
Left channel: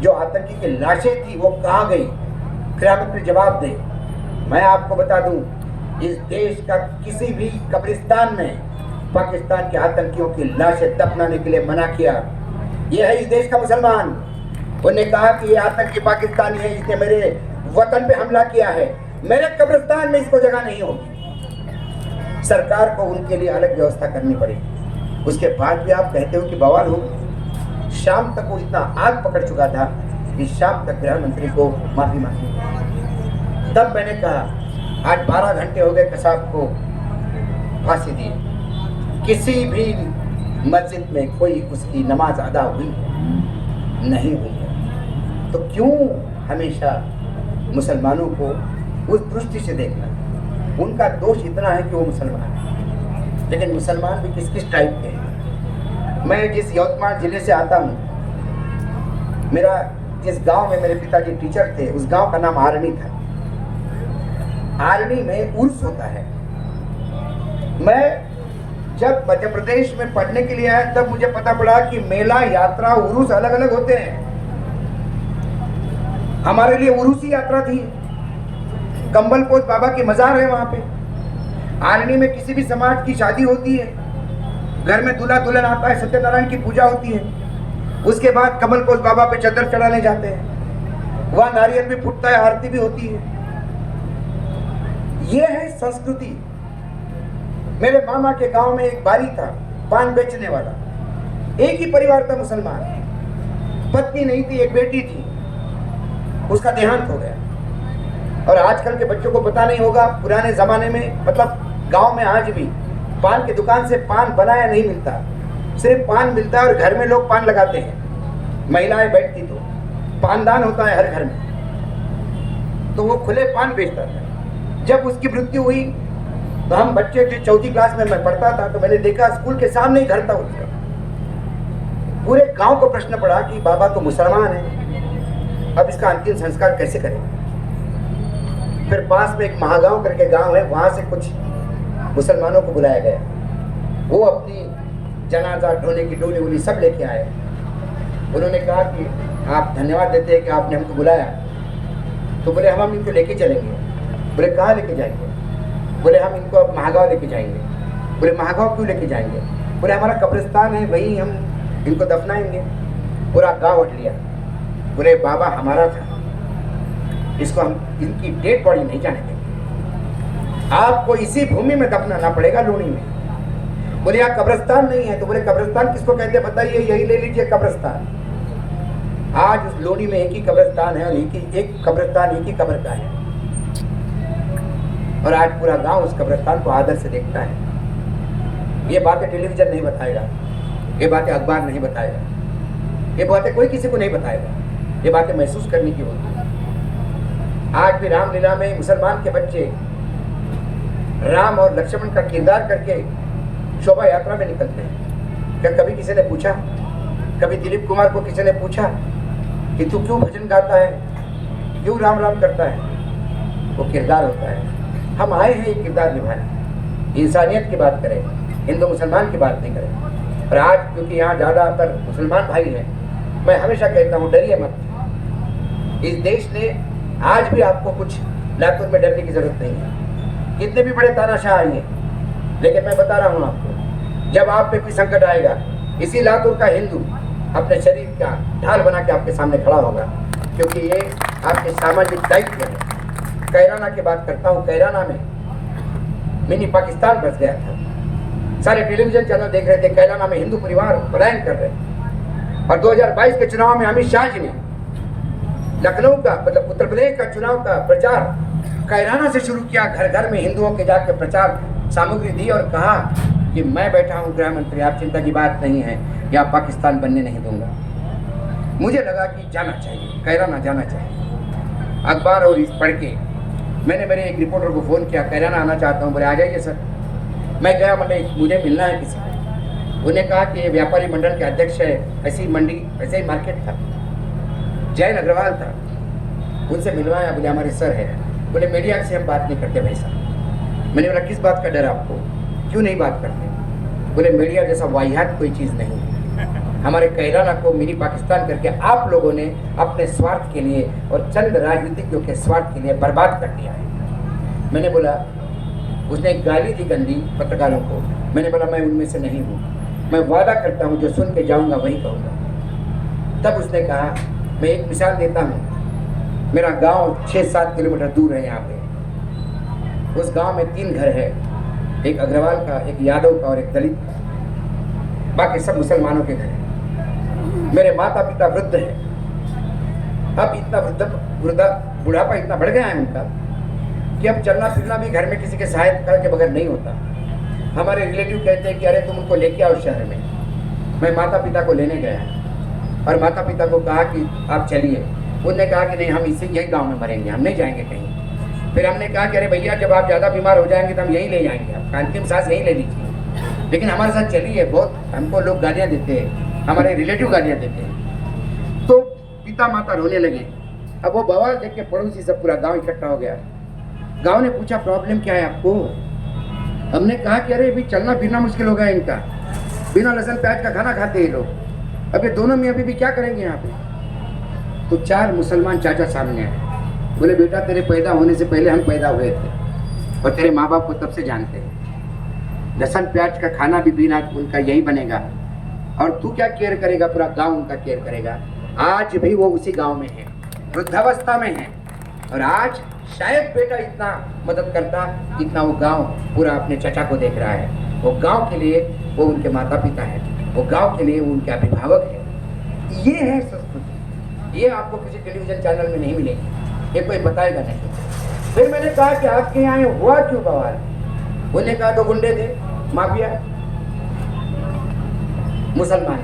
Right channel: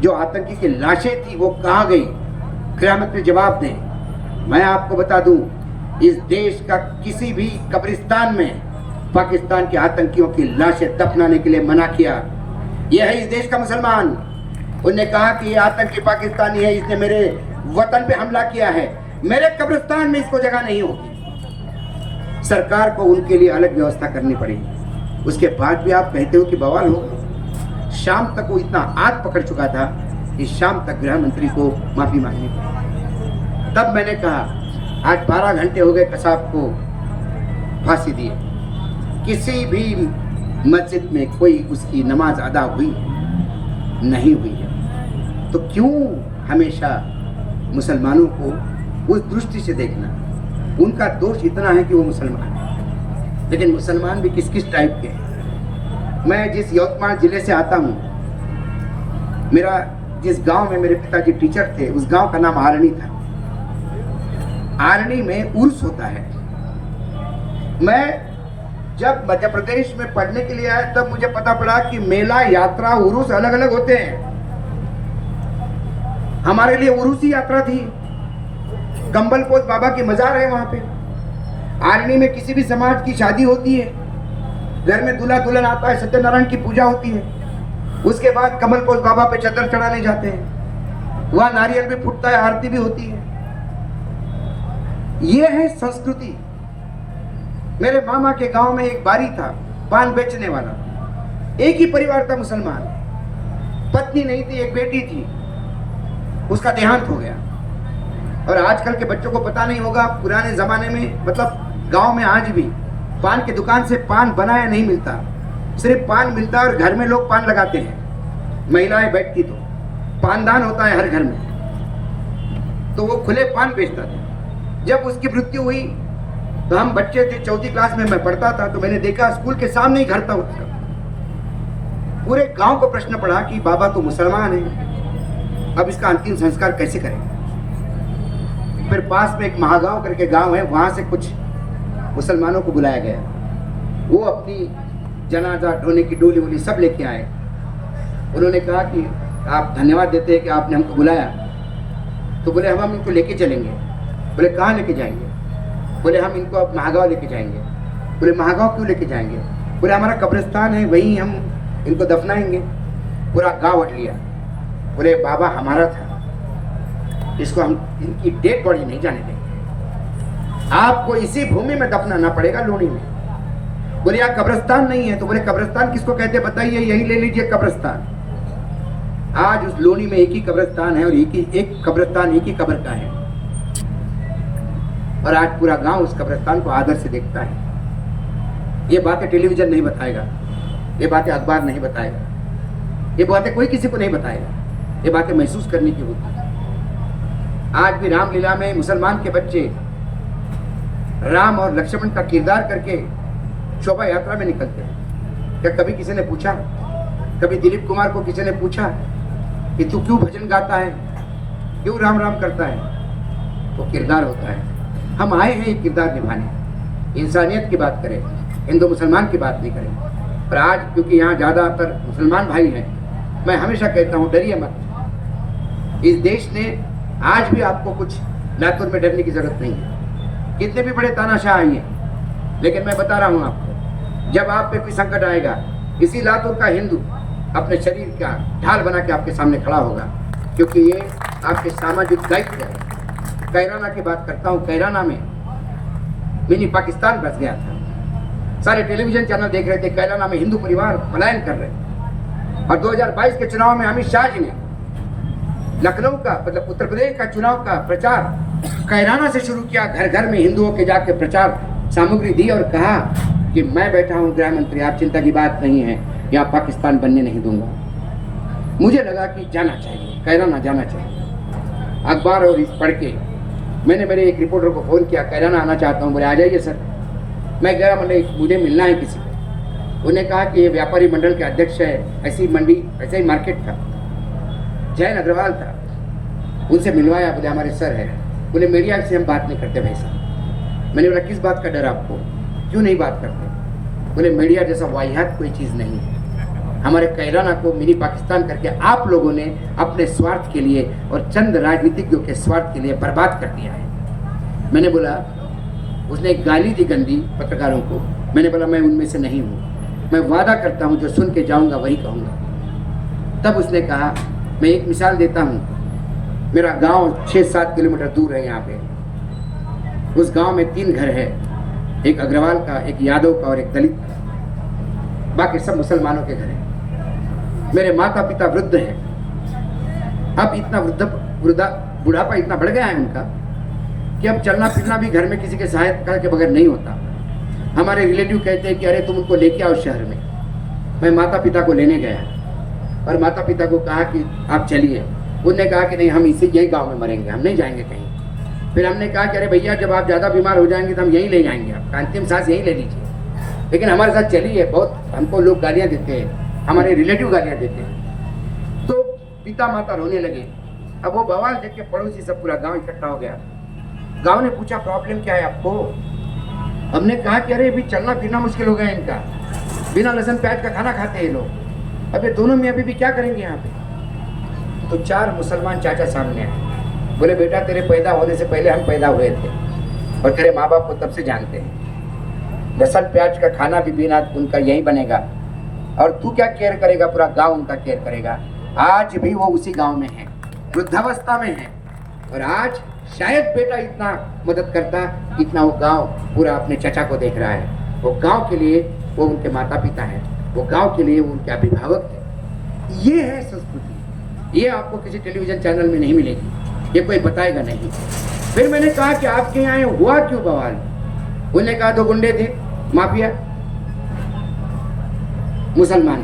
जो आतंकी की लाशें थी वो कहां गई? गृह मंत्री जवाब दे। मैं आपको बता दूं, इस देश का किसी भी कब्रिस्तान में पाकिस्तान के आतंकियों की लाशें दफनाने के लिए मना किया। यह है इस देश का मुसलमान। उन्होंने कहा कि ये आतंकी पाकिस्तानी है, इसने मेरे वतन पे हमला किया है, मेरे कब्रिस्तान में इसको जगह नहीं होगी। सरकार को उनके लिए अलग व्यवस्था करनी पड़ेगी। उसके बाद भी आप कहते हो कि बवाल हो। शाम तक वो इतना आग पकड़ चुका था कि शाम तक गृह मंत्री को माफी मांगी। तब मैंने कहा आज 12 घंटे हो गए कसाब को फांसी दिए, किसी भी मस्जिद में कोई उसकी नमाज अदा हुई नहीं हुई है। तो क्यों हमेशा मुसलमानों को उस दृष्टि से देखना? उनका दोष इतना है कि वो मुसलमान है, लेकिन मुसलमान भी किस किस टाइप के हैं। मैं जिस यवतमाल जिले से आता हूँ, मेरा जिस गांव में मेरे पिताजी टीचर थे उस गांव का नाम आरणी था। आरणी में उर्स होता है। मैं जब मध्य प्रदेश में पढ़ने के लिए आया तब मुझे पता पड़ा कि मेला, यात्रा, उर्स अलग अलग होते हैं। हमारे लिए उर्स यात्रा थी। कंबलपोत बाबा की मजार है वहां पे। आरणी में किसी भी समाज की शादी होती है, घर में दूल्हा दुल्हन आता है, सत्यनारायण की पूजा होती है। उसके बाद कमल पोष बाबा पे चद्दर चढ़ाने जाते हैं, वहां नारियल भी फूटता है, आरती भी होती है। ये है संस्कृति। मेरे मामा के गांव में एक बारी था, पान बेचने वाला, एक ही परिवार था मुसलमान, पत्नी नहीं थी, एक बेटी थी, उसका देहांत हो गया। और आजकल के बच्चों को पता नहीं होगा, पुराने जमाने में मतलब गांव में आज भी पान की दुकान से पान बनाया नहीं मिलता, सिर्फ पान मिलता है और घर में लोग पान लगाते हैं, महिलाएं बैठती तो पानदान होता है हर घर में, तो वो खुले पान बेचता था। जब उसकी मृत्यु हुई तो हम बच्चे थे, 4वीं क्लास में मैं पढ़ता था, तो मैंने देखा स्कूल के सामने ही घर था उसका। पूरे गांव को प्रश्न पड़ा कि बाबा तो मुसलमान है, अब इसका अंतिम संस्कार कैसे करें। फिर पास में एक महागांव करके गांव है, वहां से कुछ मुसलमानों को बुलाया गया, वो अपनी जनाजा ढोने की डोली वोली सब लेके आए। उन्होंने कहा कि आप धन्यवाद देते हैं कि आपने हमको बुलाया। तो बोले हम इनको लेके चलेंगे। बोले कहाँ लेके जाएंगे? बोले हम इनको अब महागांव लेके जाएंगे। बोले महागांव क्यों लेके जाएंगे? बोले हमारा कब्रिस्तान है, वहीं हम इनको दफनाएंगे। पूरा गाँव हट लिया। बोले बाबा हमारा था, इसको हम इनकी डेड बॉडी नहीं जाने देंगे, आपको इसी भूमि में दफनाना पड़ेगा, लूणी में। बोले यहाँ कब्रिस्तान नहीं है। तो बोले कब्रिस्तान किसको कहते हैं बताइए, यही ले लीजिए कब्रिस्तान। आज उस लोनी में एक ही कब्रिस्तान है और एक कब्रिस्तान एक ही कब्र का है, और आज पूरा गांव उस कब्रिस्तान को आदर से देखता है। ये बातें टेलीविजन नहीं बताएगा, ये बातें अखबार नहीं बताएगा, ये बातें कोई किसी को नहीं बताएगा, ये बातें महसूस करने की होती है। आज भी रामलीला में मुसलमान के बच्चे राम और लक्ष्मण का किरदार करके शोभा यात्रा में निकलते हैं। क्या कभी किसी ने पूछा, कभी दिलीप कुमार को किसी ने पूछा कि तू क्यों भजन गाता है, क्यों राम राम करता है? वो किरदार होता है। हम आए हैं ये किरदार निभाने, इंसानियत की बात करें, हिंदू मुसलमान की बात नहीं करें। और आज क्योंकि यहाँ ज़्यादातर मुसलमान भाई हैं, मैं हमेशा कहता हूँ डरिए मत। इस देश ने आज भी आपको कुछ लातूर में डरने की जरूरत नहीं है, कितने भी बड़े तानाशाह आइए, लेकिन मैं बता रहा हूँ आपको, जब आप पे कोई संकट आएगा, इसी लातूर का हिंदू अपने शरीर का ढाल बना के आपके सामने खड़ा होगा, क्योंकि ये आपके सामाजिक दायित्व है। कैराना की बात करता हूँ, कैराना में मिनी पाकिस्तान बस गया था, सारे टेलीविजन चैनल देख रहे थे, कैराना में हिंदू परिवार पलायन कर रहे। और 2022 के चुनाव में अमित शाह जी ने लखनऊ का मतलब उत्तर प्रदेश का चुनाव का प्रचार कैराना से शुरू किया, घर घर में हिंदुओं के जाके प्रचार सामग्री दी और कहा कि मैं बैठा हूँ गृह मंत्री, आप चिंता की बात नहीं है, या पाकिस्तान बनने नहीं दूंगा। मुझे लगा कि जाना चाहिए, कैराना जाना चाहिए। अखबार और इस पढ़ के मैंने मेरे एक रिपोर्टर को फ़ोन किया, कैराना आना चाहता हूँ। बोले आ जाइए सर। मैं गया, मुझे मिलना है किसी। उन्होंने कहा कि ये व्यापारी मंडल के अध्यक्ष है, ऐसी मंडी ऐसे ही मार्केट था, जैन अग्रवाल था, उनसे मिलवाया। बोले हमारे सर है। बोले मीडिया से हम बात नहीं करते भाई साहब। मैंने बोला किस बात का डर आपको, क्यों नहीं बात करते? बोले मीडिया जैसा वाहियात कोई चीज़ नहीं है, हमारे कैराना को मिनी पाकिस्तान करके आप लोगों ने अपने स्वार्थ के लिए और चंद राजनीतिज्ञों के स्वार्थ के लिए बर्बाद कर दिया है। मैंने बोला, उसने गाली दी गंदी पत्रकारों को। मैंने बोला मैं उनमें से नहीं हूँ, मैं वादा करता हूँ जो सुन के जाऊँगा वही कहूँगा। तब उसने कहा, मैं एक मिसाल देता हूँ, मेरा गांव 6-7 किलोमीटर दूर है यहाँ पे। उस गांव में 3 घर है, एक अग्रवाल का, एक यादव का और एक दलित का, बाकी सब मुसलमानों के घर हैं। मेरे माता पिता वृद्ध हैं। अब इतना बुढ़ापा इतना बढ़ गया है उनका कि अब चलना फिरना भी घर में किसी के सहायता के बगैर नहीं होता। हमारे रिलेटिव कहते हैं कि अरे तुम उनको लेके आओ शहर में। मैं माता पिता को लेने गया और माता पिता को कहा कि आप चलिए। उन्होंने कहा कि नहीं, हम इसी यही गांव में मरेंगे, हम नहीं जाएंगे कहीं। फिर हमने कहा कि अरे भैया जब आप ज़्यादा बीमार हो जाएंगे तो हम यहीं ले जाएंगे, आप अंतिम सांस यहीं ले लीजिए, लेकिन हमारे साथ चलिए। बहुत हमको लोग गालियाँ देते हैं, हमारे रिलेटिव गालियाँ देते हैं। तो पिता माता रोने लगे। अब वो बवाल देख के पड़ोसी सब पूरा गाँव इकट्ठा हो गया। गाँव ने पूछा प्रॉब्लम क्या है आपको? हमने कहा कि अरे अभी चलना फिरना मुश्किल हो गया इनका, बिना लहसुन प्याज का खाना खाते हैं लोग, अब ये दोनों में अभी भी क्या करेंगे यहाँ पे? तो 4 मुसलमान चाचा सामने आए। बोले बेटा तेरे पैदा होने से पहले हम पैदा हुए थे और तेरे माँ बाप को तब से जानते हैं। लहसुन प्याज का खाना भी बिना उनका यही बनेगा, और तू क्या केयर करेगा, पूरा गांव उनका केयर करेगा। आज भी वो उसी गांव में है, वृद्धावस्था में है, और आज शायद बेटा इतना मदद करता जितना वो गांव पूरा अपने चचा को देख रहा है। वो गांव के लिए वो उनके माता पिता हैं, वो गांव के लिए वो उनके अभिभावक है। ये है संस्कृति, ये आपको किसी टेलीविजन चैनल में नहीं मिलेगी, ये कोई बताएगा नहीं। फिर मैंने कहा कि आपके यहाँ हुआ क्यों बवाल? उन्होंने कहा तो गुंडे थे, माफिया, मुसलमान।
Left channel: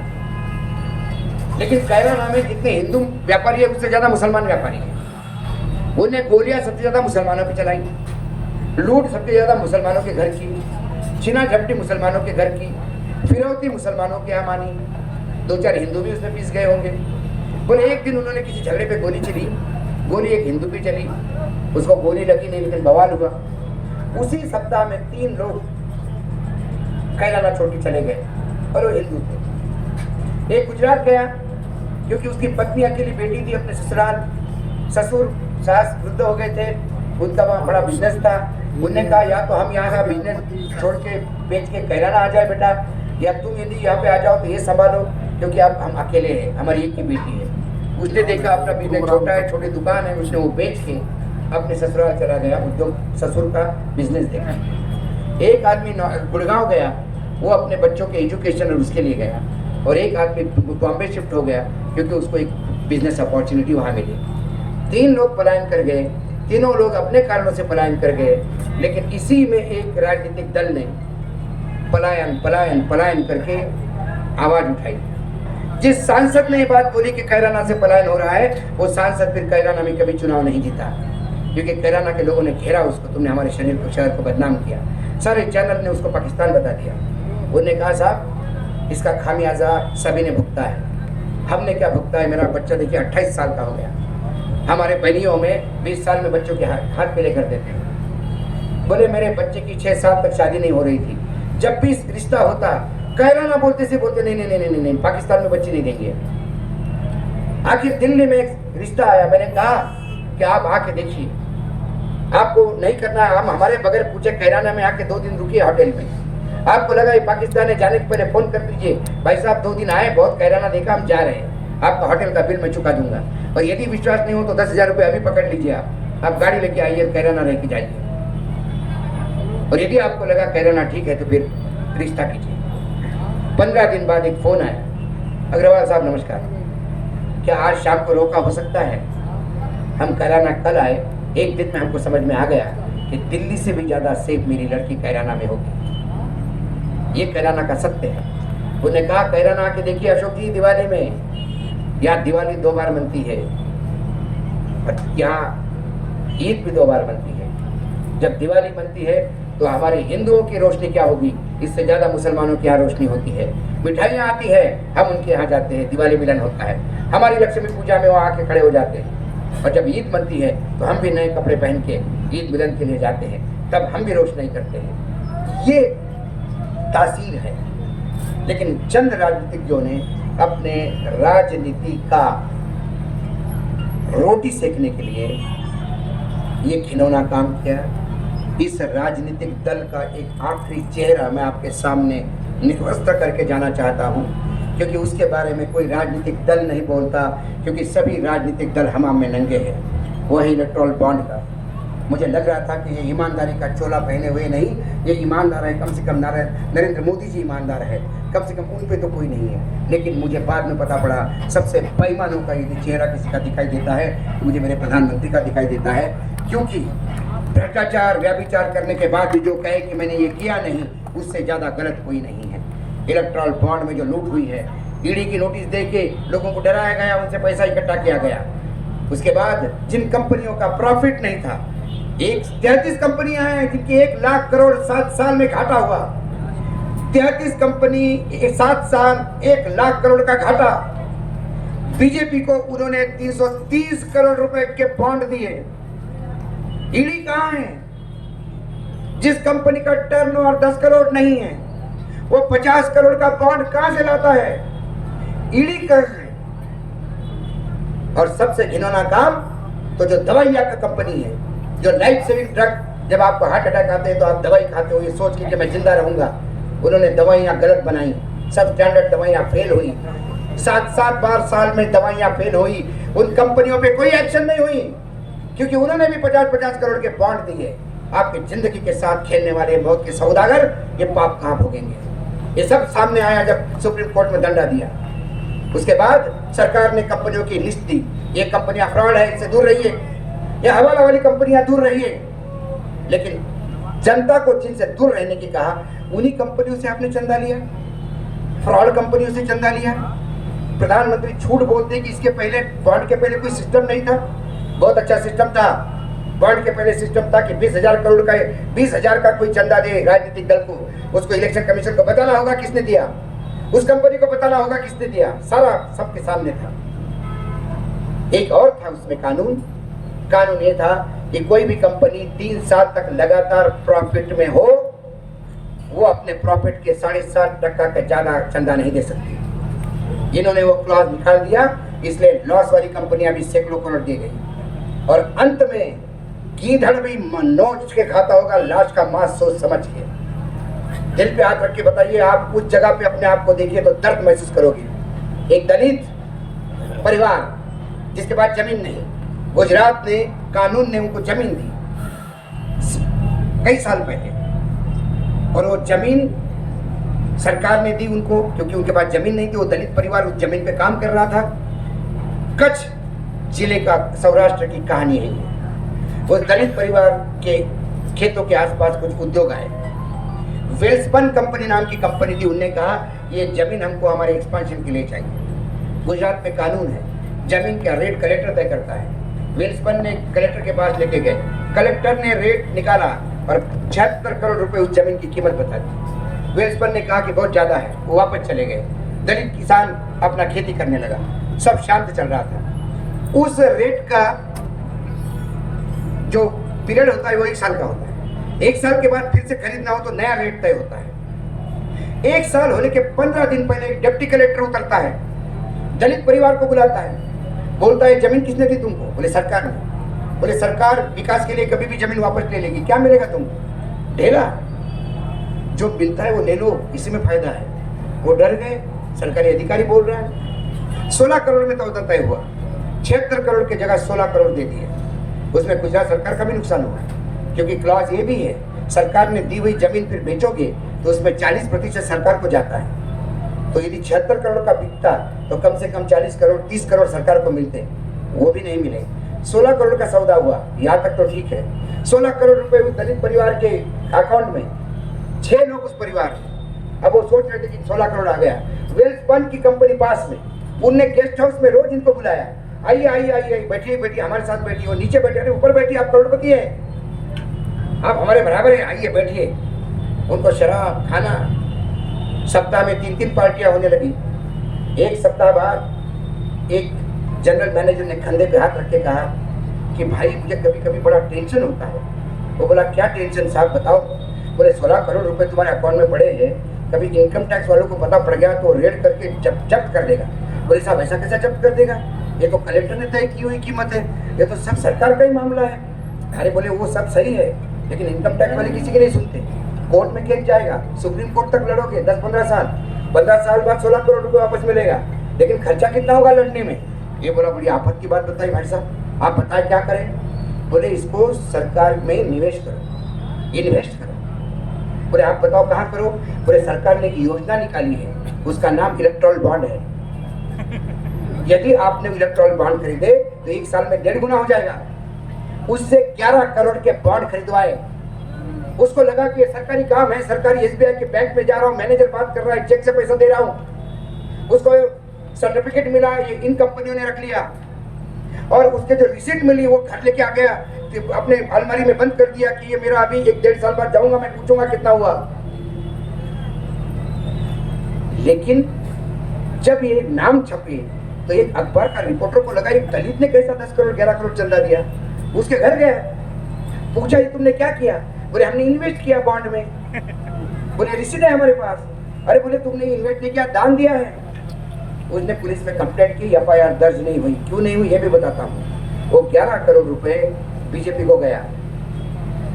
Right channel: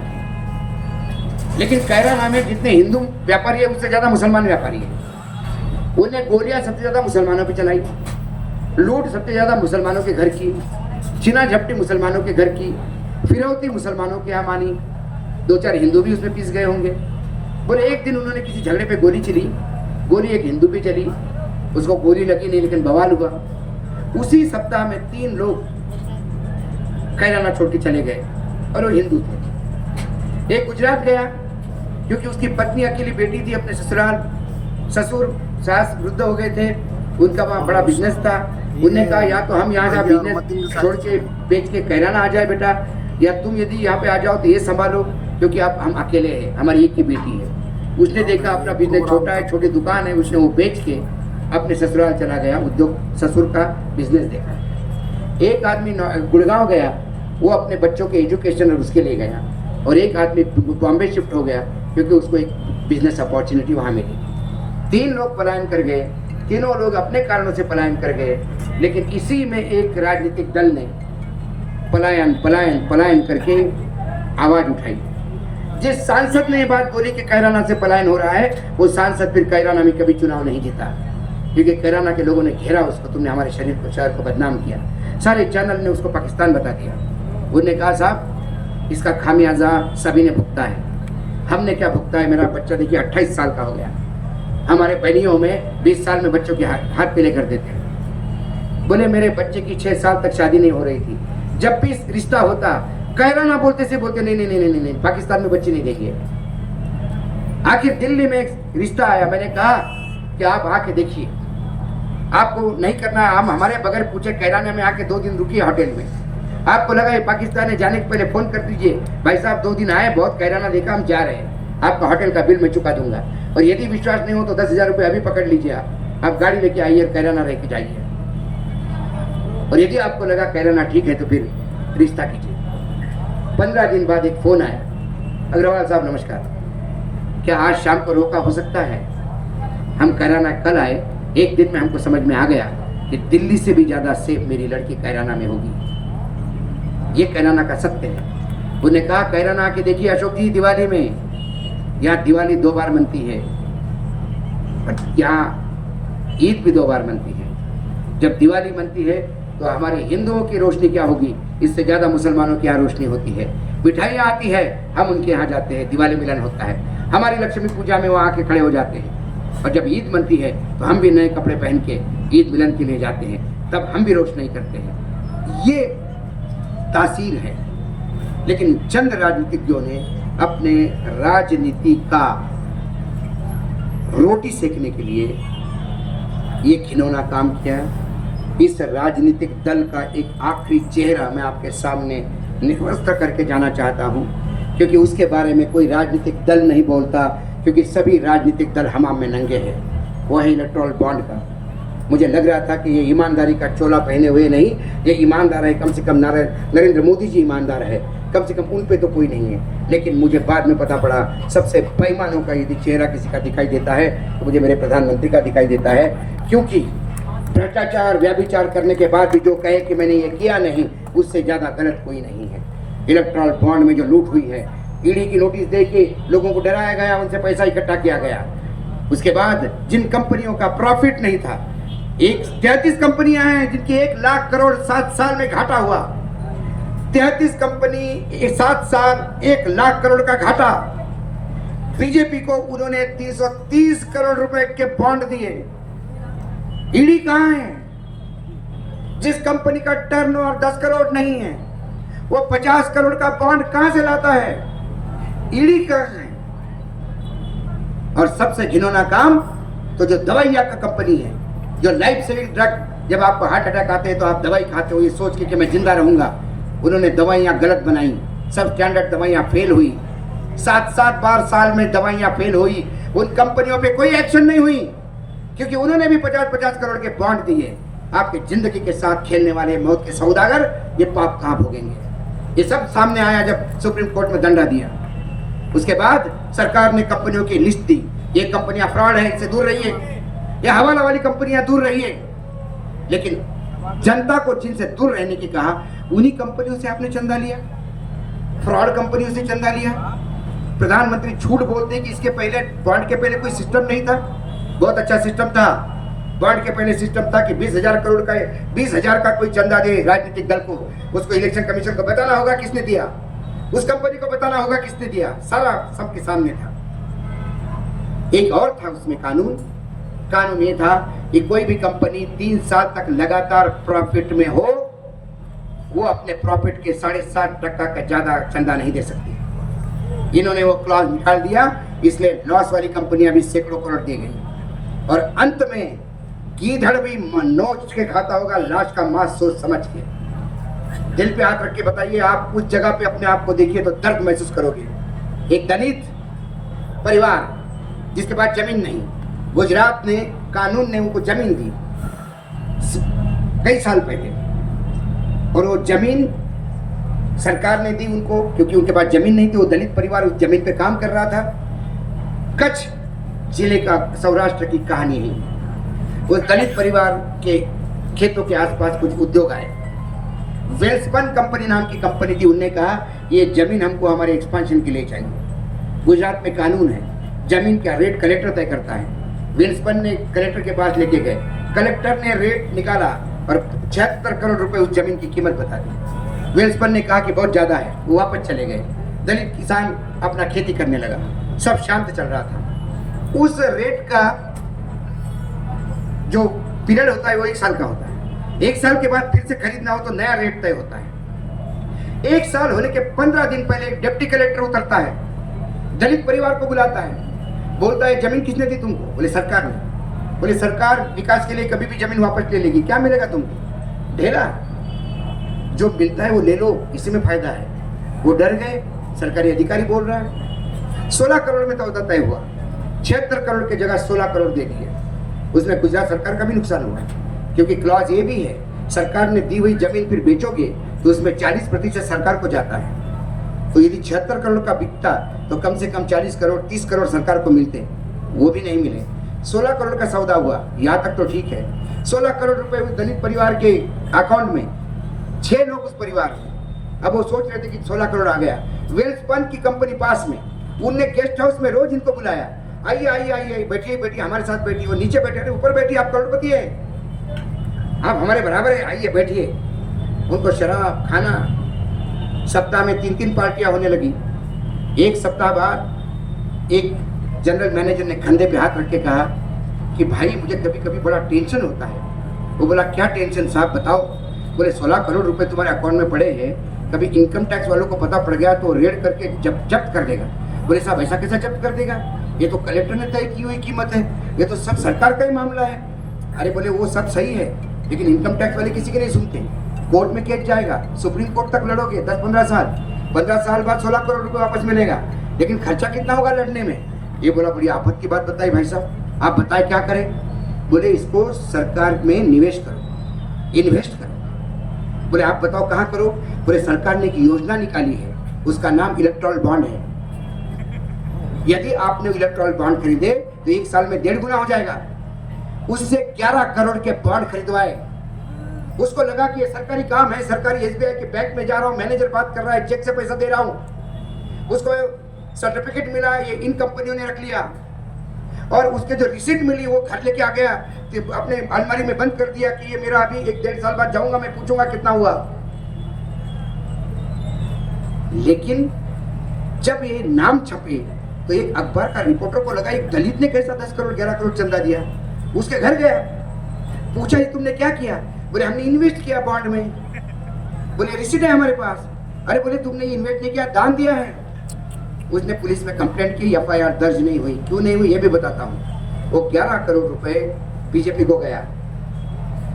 लेकिन कैराना में जितने हिंदू व्यापारी है उससे ज्यादा मुसलमान व्यापारी है। उन्हें गोलियां सबसे ज्यादा मुसलमानों पे चलाई, लूट सबसे ज्यादा मुसलमानों के घर की, छीना झपटी मुसलमानों के घर की, फिरौती मुसलमानों के यहाँ मानी, 2-4 हिंदू भी उसमें पीस गए होंगे। बोले एक दिन उन्होंने किसी झगड़े पे गोली चली, गोली एक हिंदू पे चली, उसको गोली लगी नहीं लेकिन बवाल हुआ। उसी सप्ताह में 3 लोग कैराना छोड़ के चले गए और वो हिंदू थे। एक गुजरात गया क्योंकि उसकी पत्नी अकेली बेटी थी, अपने ससुराल, ससुर सास वृद्ध हो गए थे, उनका वहाँ बड़ा बिजनेस था। उन्होंने कहा या तो हम यहाँ से बिजनेस छोड़ के बेच के कैराना आ जाए बेटा, या तुम यदि यहाँ पे आ जाओ तो ये संभालो, क्योंकि आप हम अकेले हैं, हमारी एक ही बेटी है। उसने देखा अपना बिजनेस छोटा है, छोटी दुकान है, उसने वो बेच के अपने ससुराल चला गया, उद्योग ससुर का बिजनेस देखा। एक आदमी गुड़गांव गया, वो अपने बच्चों के एजुकेशन और उसके लिए गया, और एक आदमी बॉम्बे शिफ्ट हो गया क्योंकि उसको एक बिजनेस अपॉर्चुनिटी वहाँ मिली। 3 लोग पलायन कर गए, तीनों लोग अपने कारणों से पलायन कर गए, लेकिन इसी में एक राजनीतिक दल ने पलायन पलायन पलायन करके आवाज उठाई। जिस सांसद ने ये बात बोली कि कैराना से पलायन हो रहा है, वो सांसद फिर कैराना में कभी चुनाव नहीं जीता, क्योंकि कैराना के लोगों ने घेरा उसको, तुमने हमारे शहर को बदनाम किया। सारे चैनल ने उसको पाकिस्तान बता दिया। उन्होंने कहा साहब इसका खामियाजा सभी ने भुगता है। हमने क्या भुगता है? मेरा बच्चा देखिए 28 साल का हो गया, हमारे बहनियों में 20 साल में बच्चों के हाथ पीले कर देते हैं। बोले मेरे बच्चे की 6 साल तक शादी नहीं हो रही थी, जब भी रिश्ता होता कैराना बोलते से बोलते नहीं नहीं नहीं नहीं नहीं पाकिस्तान में बच्चे नहीं देंगे। आखिर दिल्ली में एक रिश्ता आया, मैंने कहा कि आप आके देखिए, आपको नहीं करना, हम हमारे बगैर पूछे कैराना में आके 2 दिन रुकिए होटल में। आपको लगा ये पाकिस्तान है, जाने के पहले फोन कर दीजिए, भाई साहब 2 दिन आए, बहुत कैराना देखा, हम जा रहे हैं, आपका होटल का बिल मैं चुका दूंगा। और यदि विश्वास नहीं हो तो 10,000 रुपये अभी पकड़ लीजिए, आप गाड़ी लेके आइए, कैराना रह के जाइए। और यदि आपको लगा कैराना ठीक है तो फिर रिश्ता कीजिए। 15 दिन बाद एक फोन आया, अग्रवाल साहब नमस्कार, क्या आज शाम को रोका हो सकता है? हम कैराना कल आए, एक दिन में हमको समझ में आ गया कि दिल्ली से भी ज्यादा सेफ मेरी लड़की कैराना में होगी। ये कैराना का सत्य है। उन्होंने कहा कैराना आके देखिए अशोक जी, दिवाली में यहाँ दिवाली 2 बार मनती है, यहाँ ईद भी 2 बार मनती है। जब दिवाली मनती है तो हमारे हिंदुओं की रोशनी क्या होगी, इससे ज्यादा मुसलमानों की यहाँ रोशनी होती है। मिठाइयाँ आती है, हम उनके यहाँ जाते हैं, दिवाली मिलन होता है, हमारी लक्ष्मी पूजा में वहाँ आके खड़े हो जाते हैं। और जब ईद मनती है तो हम भी नए कपड़े पहन के ईद मिलन के लिए जाते हैं, तब हम भी रोशनी करते हैं। ये तासीर है। लेकिन चंद राजनीतिज्ञों ने अपने राजनीति का रोटी सेकने के लिए ये घिनौना काम किया। इस राजनीतिक दल का एक आखिरी चेहरा मैं आपके सामने निरस्त करके जाना चाहता हूँ, क्योंकि उसके बारे में कोई राजनीतिक दल नहीं बोलता, क्योंकि सभी राजनीतिक दल हमाम में नंगे हैं। वही इलेक्टोरल बॉन्ड का मुझे लग रहा था कि ये ईमानदारी का चोला पहने हुए नहीं, ये ईमानदार है, कम से कम नरेंद्र मोदी जी ईमानदार है, कम से कम उन पे तो कोई नहीं है। लेकिन मुझे बाद में पता पड़ा सबसे बेईमानों का यदि चेहरा किसी का दिखाई देता है तो मुझे मेरे प्रधानमंत्री का दिखाई देता है, क्योंकि भ्रष्टाचार व्यभिचार करने के बाद भी जो कहे कि मैंने ये किया नहीं, उससे ज्यादा गलत कोई नहीं है। इलेक्टोरल बॉन्ड में जो लूट हुई है, ईडी की नोटिस दे के लोगों को डराया गया, उनसे पैसा इकट्ठा किया गया। उसके बाद जिन कंपनियों का प्रॉफिट नहीं था, 33 कंपनियां हैं जिनकी 1 लाख करोड़ 7 साल में घाटा हुआ। 33 कंपनी 7 साल 1 लाख करोड़ का घाटा। बीजेपी को उन्होंने 330 करोड़ रुपए के बॉन्ड दिए। ईडी कहां है? जिस कंपनी का टर्नओवर 10 करोड़ नहीं है, वो 50 करोड़ का बॉन्ड कहां से लाता है? ईडी कर रहे। और सबसे घिनौना काम तो जो दवाइयां का कंपनी है, जो लाइफ सेविंग ड्रग, जब आपको हार्ट अटैक आते हैं तो आप दवाई खाते हो ये सोच के कि मैं जिंदा रहूंगा, उन्होंने दवाइयां गलत बनाई, सब स्टैंडर्ड दवाइयाँ फेल हुई, 7-7 बार साल में दवाइयाँ फेल हुई। उन कंपनियों पे कोई एक्शन नहीं हुई, क्योंकि उन्होंने भी 50-50 करोड़ के बॉन्ड दिए। आपकी जिंदगी के साथ खेलने वाले मौत के सौदागर ये पाप कहाँ भोगेंगे? ये सब सामने आया जब सुप्रीम कोर्ट में दंडा दिया। उसके बाद सरकार ने कंपनियों की लिस्ट दी, ये कंपनियां फ्रॉड है, इनसे दूर रहिए, ये हवाला वाली कंपनियां दूर रहिए। लेकिन जनता को जिनसे दूर रहने की कहा, उन्हीं कंपनियों से आपने चंदा लिया, फ्रॉड कंपनियों से चंदा लिया। प्रधानमंत्री झूठ बोलते हैं कि इसके पहले बॉन्ड के पहले कोई सिस्टम नहीं था। बहुत अच्छा सिस्टम था। बॉन्ड के पहले सिस्टम था कि 20,000 करोड़ का 20,000 का कोई चंदा दे राजनीतिक दल को, उसको इलेक्शन कमीशन को बताना होगा किसने दिया, उस कंपनी को बताना होगा किसने दिया, सारा सबके सामने था। एक और था उसमें कानून ये था कि कोई भी कंपनी 3 साल तक लगातार प्रॉफिट में हो, वो अपने प्रॉफिट के 7.5% का ज्यादा चंदा नहीं दे सकती। इन्होंने वो क्लॉज निकाल दिया, इसलिए लॉस वाली कंपनियां भी सैकड़ों करोड़ दी गई। और अंत में गीधड़ भी नोच के खाता होगा लाश का मांस, सोच समझ के। दिल पे हाथ रख के बताइए, आप उस जगह पे अपने आप को देखिए तो दर्द महसूस करोगे। एक दलित परिवार जिसके पास जमीन नहीं, गुजरात ने कानून ने उनको जमीन दी कई साल पहले, और वो जमीन सरकार ने दी उनको, क्योंकि उनके पास जमीन नहीं थी। वो दलित परिवार उस जमीन पे काम कर रहा था। कच्छ जिले का सौराष्ट्र की कहानी है। वो दलित परिवार के खेतों के आसपास कुछ उद्योग आए, वेल्सपन कंपनी नाम की कंपनी थी। उनने कहा ये जमीन हमको हमारे एक्सपेंशन के लिए चाहिए। गुजरात में कानून है, जमीन का रेट कलेक्टर तय करता है। वेल्सपन ने कलेक्टर के पास लेके गए, कलेक्टर ने रेट निकाला और 76 करोड़ रुपए उस जमीन की कीमत बता दी। वेल्सपन ने कहा कि बहुत ज्यादा है, वो वापस चले गए। दलित किसान अपना खेती करने लगा, सब शांत चल रहा था। उस रेट का जो पीरियड होता है वो 1 साल का होता है। 1 साल के बाद फिर से खरीदना हो तो नया रेट तय होता है। 1 साल होने के 15 दिन पहले एक डिप्टी कलेक्टर उतरता है, दलित परिवार को बुलाता है, बोलता है जमीन किसने दी तुमको? बोले सरकार ने। बोले सरकार विकास के लिए कभी भी जमीन वापस ले लेगी, क्या मिलेगा तुमको? ढेला, जो मिलता है वो ले लो, इसी में फायदा है। वो डर गए, सरकारी अधिकारी बोल रहा है। 16 करोड़ में तो तय हुआ, 76 करोड़ की जगह 16 करोड़ दे दिए। उसमें गुजरात सरकार का भी नुकसान होगा, क्योंकि क्लॉज ये भी है, सरकार ने दी हुई जमीन फिर बेचोगे तो उसमें 40% सरकार को जाता है। तो यदि 76 करोड़ का बिकता तो कम से कम 40 करोड़ 30 करोड़ सरकार को मिलते, वो भी नहीं मिले। 16 करोड़ का सौदा हुआ, यहाँ तक तो ठीक है। 16 करोड़ रुपए उस दलित परिवार के अकाउंट में, 6 लोग उस परिवार के। अब वो सोच रहे थे कि 16 करोड़ आ गया। वेल्सपन की कंपनी पास में, उनने गेस्ट हाउस में रोज इनको बुलाया, आइए आइए आइए, बैठिए हमारे साथ बैठिए। और नीचे बैठे, अरे ऊपर बैठिए, आप करोड़पति हैं, आप हमारे बराबर हैं, आइए बैठिए। उनको शराब खाना, सप्ताह में 3-3 पार्टियां होने लगी। 1 सप्ताह बाद एक जनरल मैनेजर ने कंधे पे हाथ रख के कहा कि भाई मुझे कभी कभी बड़ा टेंशन होता है। वो बोला क्या टेंशन साहब बताओ? बोले 16 करोड़ रुपए तुम्हारे अकाउंट में पड़े हैं, कभी इनकम टैक्स वालों को पता पड़ गया तो रेड करके जब्त कर देगा। बोले साहब ऐसा कैसा जब्त कर देगा? ये तो कलेक्टर ने तय की हुई कीमत है, ये तो सब सरकार का ही मामला है। अरे बोले वो सब सही है, लेकिन इनकम टैक्स वाले किसी की नहीं सुनते। कोर्ट में केस जाएगा, सुप्रीम कोर्ट तक लड़ोगे 10-15 साल, 15 साल बाद 16 करोड़ रुपए वापस मिलेगा, लेकिन खर्चा कितना होगा लड़ने में? ये बोला बड़ी आफत की बात बताई भाई साहब, आप बताएं क्या करें? बोले इसको सरकार में निवेश करो, इन्वेस्ट करो। बोले आप बताओ कहाँ करो? बोले सरकार ने एक योजना निकाली है, उसका नाम इलेक्टोरल बॉन्ड है। यदि आपने इलेक्टोरल बॉन्ड खरीदे तो 1 साल में 1.5 गुना हो जाएगा। उससे 11 करोड़ के बॉन्ड खरीदवाए। उसको लगा कि ये सरकारी काम है, सरकारी एसबीआई के बैंक में जा रहा हूँ, मैनेजर बात कर रहा है, चेक से पैसा दे रहा हूँ। उसको सर्टिफिकेट मिला, ये इन कंपनियों ने रख लिया, और उसके जो रिसीट मिली वो घर लेके आ गया, कि अपने अलमारी में बंद कर दिया कि ये मेरा अभी 1-1.5 साल बाद जाऊंगा, मैं पूछूंगा कितना हुआ। लेकिन जब ये नाम छपे तो एक अखबार का रिपोर्टर को लगा एक दलित ने कैसा 10 करोड़ 11 करोड़ चंदा दिया। उसके घर गया, पूछा ये तुमने क्या किया? बोले हमने इन्वेस्ट किया बॉन्ड में। बोले रिसीट है हमारे पास। अरे बोले तुमने इन्वेस्ट नहीं किया, दान दिया है। उसने पुलिस में कंप्लेंट की, एफआईआर दर्ज नहीं हुई। क्यों नहीं हुई ये भी बताता हूँ। वो 11 करोड़ रुपए बीजेपी को गया,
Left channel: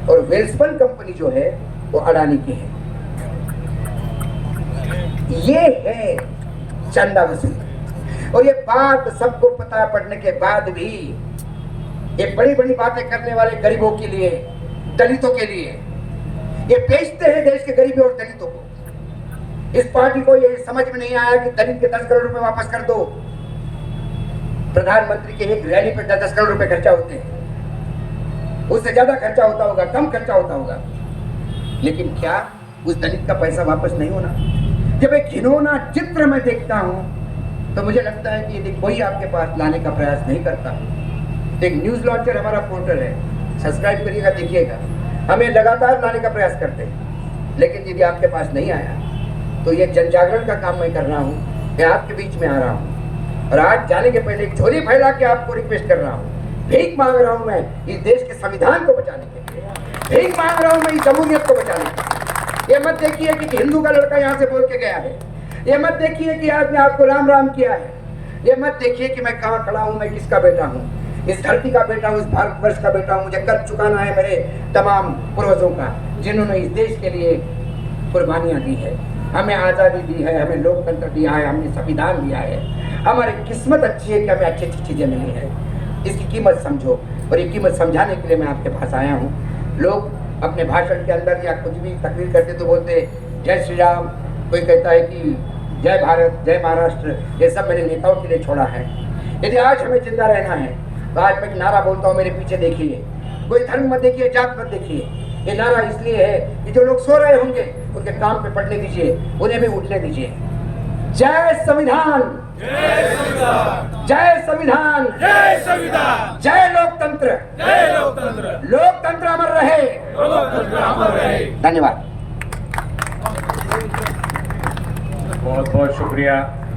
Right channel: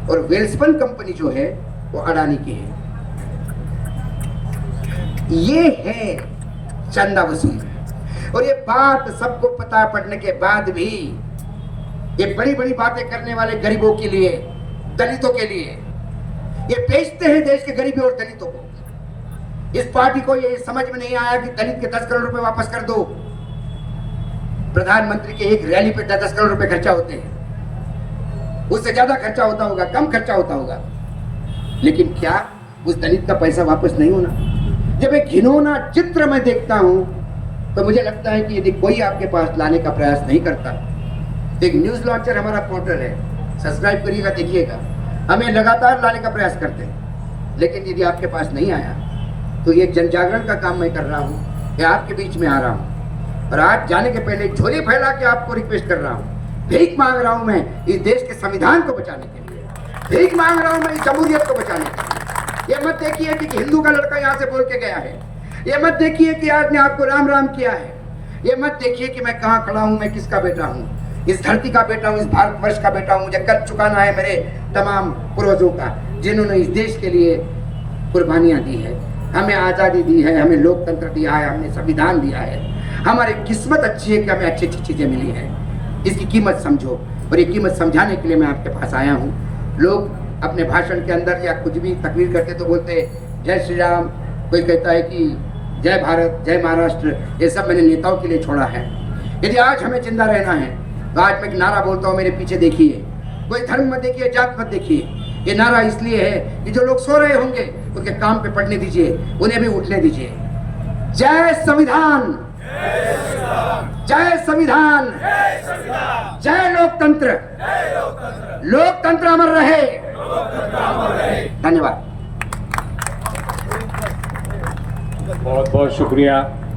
और वेल्सपन कंपनी जो है वो अडानी की है। ये है चंदा वसूल। और ये बात सबको पता पड़ने के बाद भी ये बड़ी बड़ी बातें करने वाले गरीबों के लिए, दलितों के लिए, ये बेचते हैं देश के गरीबों और दलितों को। इस पार्टी को ये समझ में नहीं आया कि दलित के 10 करोड़ रुपए वापस कर दो। प्रधानमंत्री के एक रैली पे 10 करोड़ रुपए खर्चा होते हैं, उससे ज्यादा खर्चा होता होगा, कम खर्चा होता होगा, लेकिन क्या उस दलित का पैसा वापस नहीं होना? जब एक घिनौना चित्र मैं देखता हूं तो मुझे लगता है कि यदि कोई आपके पास लाने का प्रयास नहीं करता, एक न्यूज लॉन्चर हमारा पोर्टल है, सब्सक्राइब करिएगा, देखिएगा, हमें लगातार लाने का प्रयास करते हैं, लेकिन यदि आपके पास नहीं आया तो ये जन जागरण का काम मैं कर रहा हूँ, मैं आपके बीच में आ रहा हूँ और आज जाने के पहले एक झोली फैला के आपको रिक्वेस्ट कर रहा हूँ, भीख मांग रहा हूँ मैं इस देश के संविधान को बचाने के लिए, भीख मांग रहा हूँ मैं इस जमहूरियत को बचाने के लिए। ये मत देखिए कि हिंदू का लड़का यहाँ से बोल के गया है, ये मत देखिए कि आज ने आपको राम राम किया है, ये मत देखिए कि मैं कहाँ खड़ा हूँ, मैं किसका बेटा हूँ, इस धरती का बेटा हूँ, इस भारतवर्ष का बेटा हूँ। मुझे कर्ज चुकाना है मेरे तमाम पूर्वजों का, जिन्होंने इस देश के लिए कुर्बानियां दी है, हमें आज़ादी दी है, हमें लोकतंत्र दिया है, हमने संविधान दिया है, हमारी किस्मत अच्छी है कि हमें अच्छी अच्छी चीज़ें मिली है। इसकी कीमत समझो, और ये कीमत समझाने के लिए मैं आपके पास आया हूँ। लोग अपने भाषण के अंदर या कुछ भी तकरीर करते तो बोलते जय श्री राम, कोई कहता है कि जय भारत, जय महाराष्ट्र, ये सब मैंने नेताओं के लिए छोड़ा है। यदि आज हमें जिंदा रहना है तो आज मैं एक नारा बोलता हूँ, मेरे पीछे देखिए, कोई धर्म मत देखिए, जात मत देखिए। ये नारा इसलिए है कि जो लोग सो रहे होंगे उनके काम पे पड़ने दीजिए, उन्हें भी उठने दीजिए। जय संविधान, जय संविधान, जय लोकतंत्र, लोकतंत्र अमर रहे। धन्यवाद। बहुत बहुत शुक्रिया।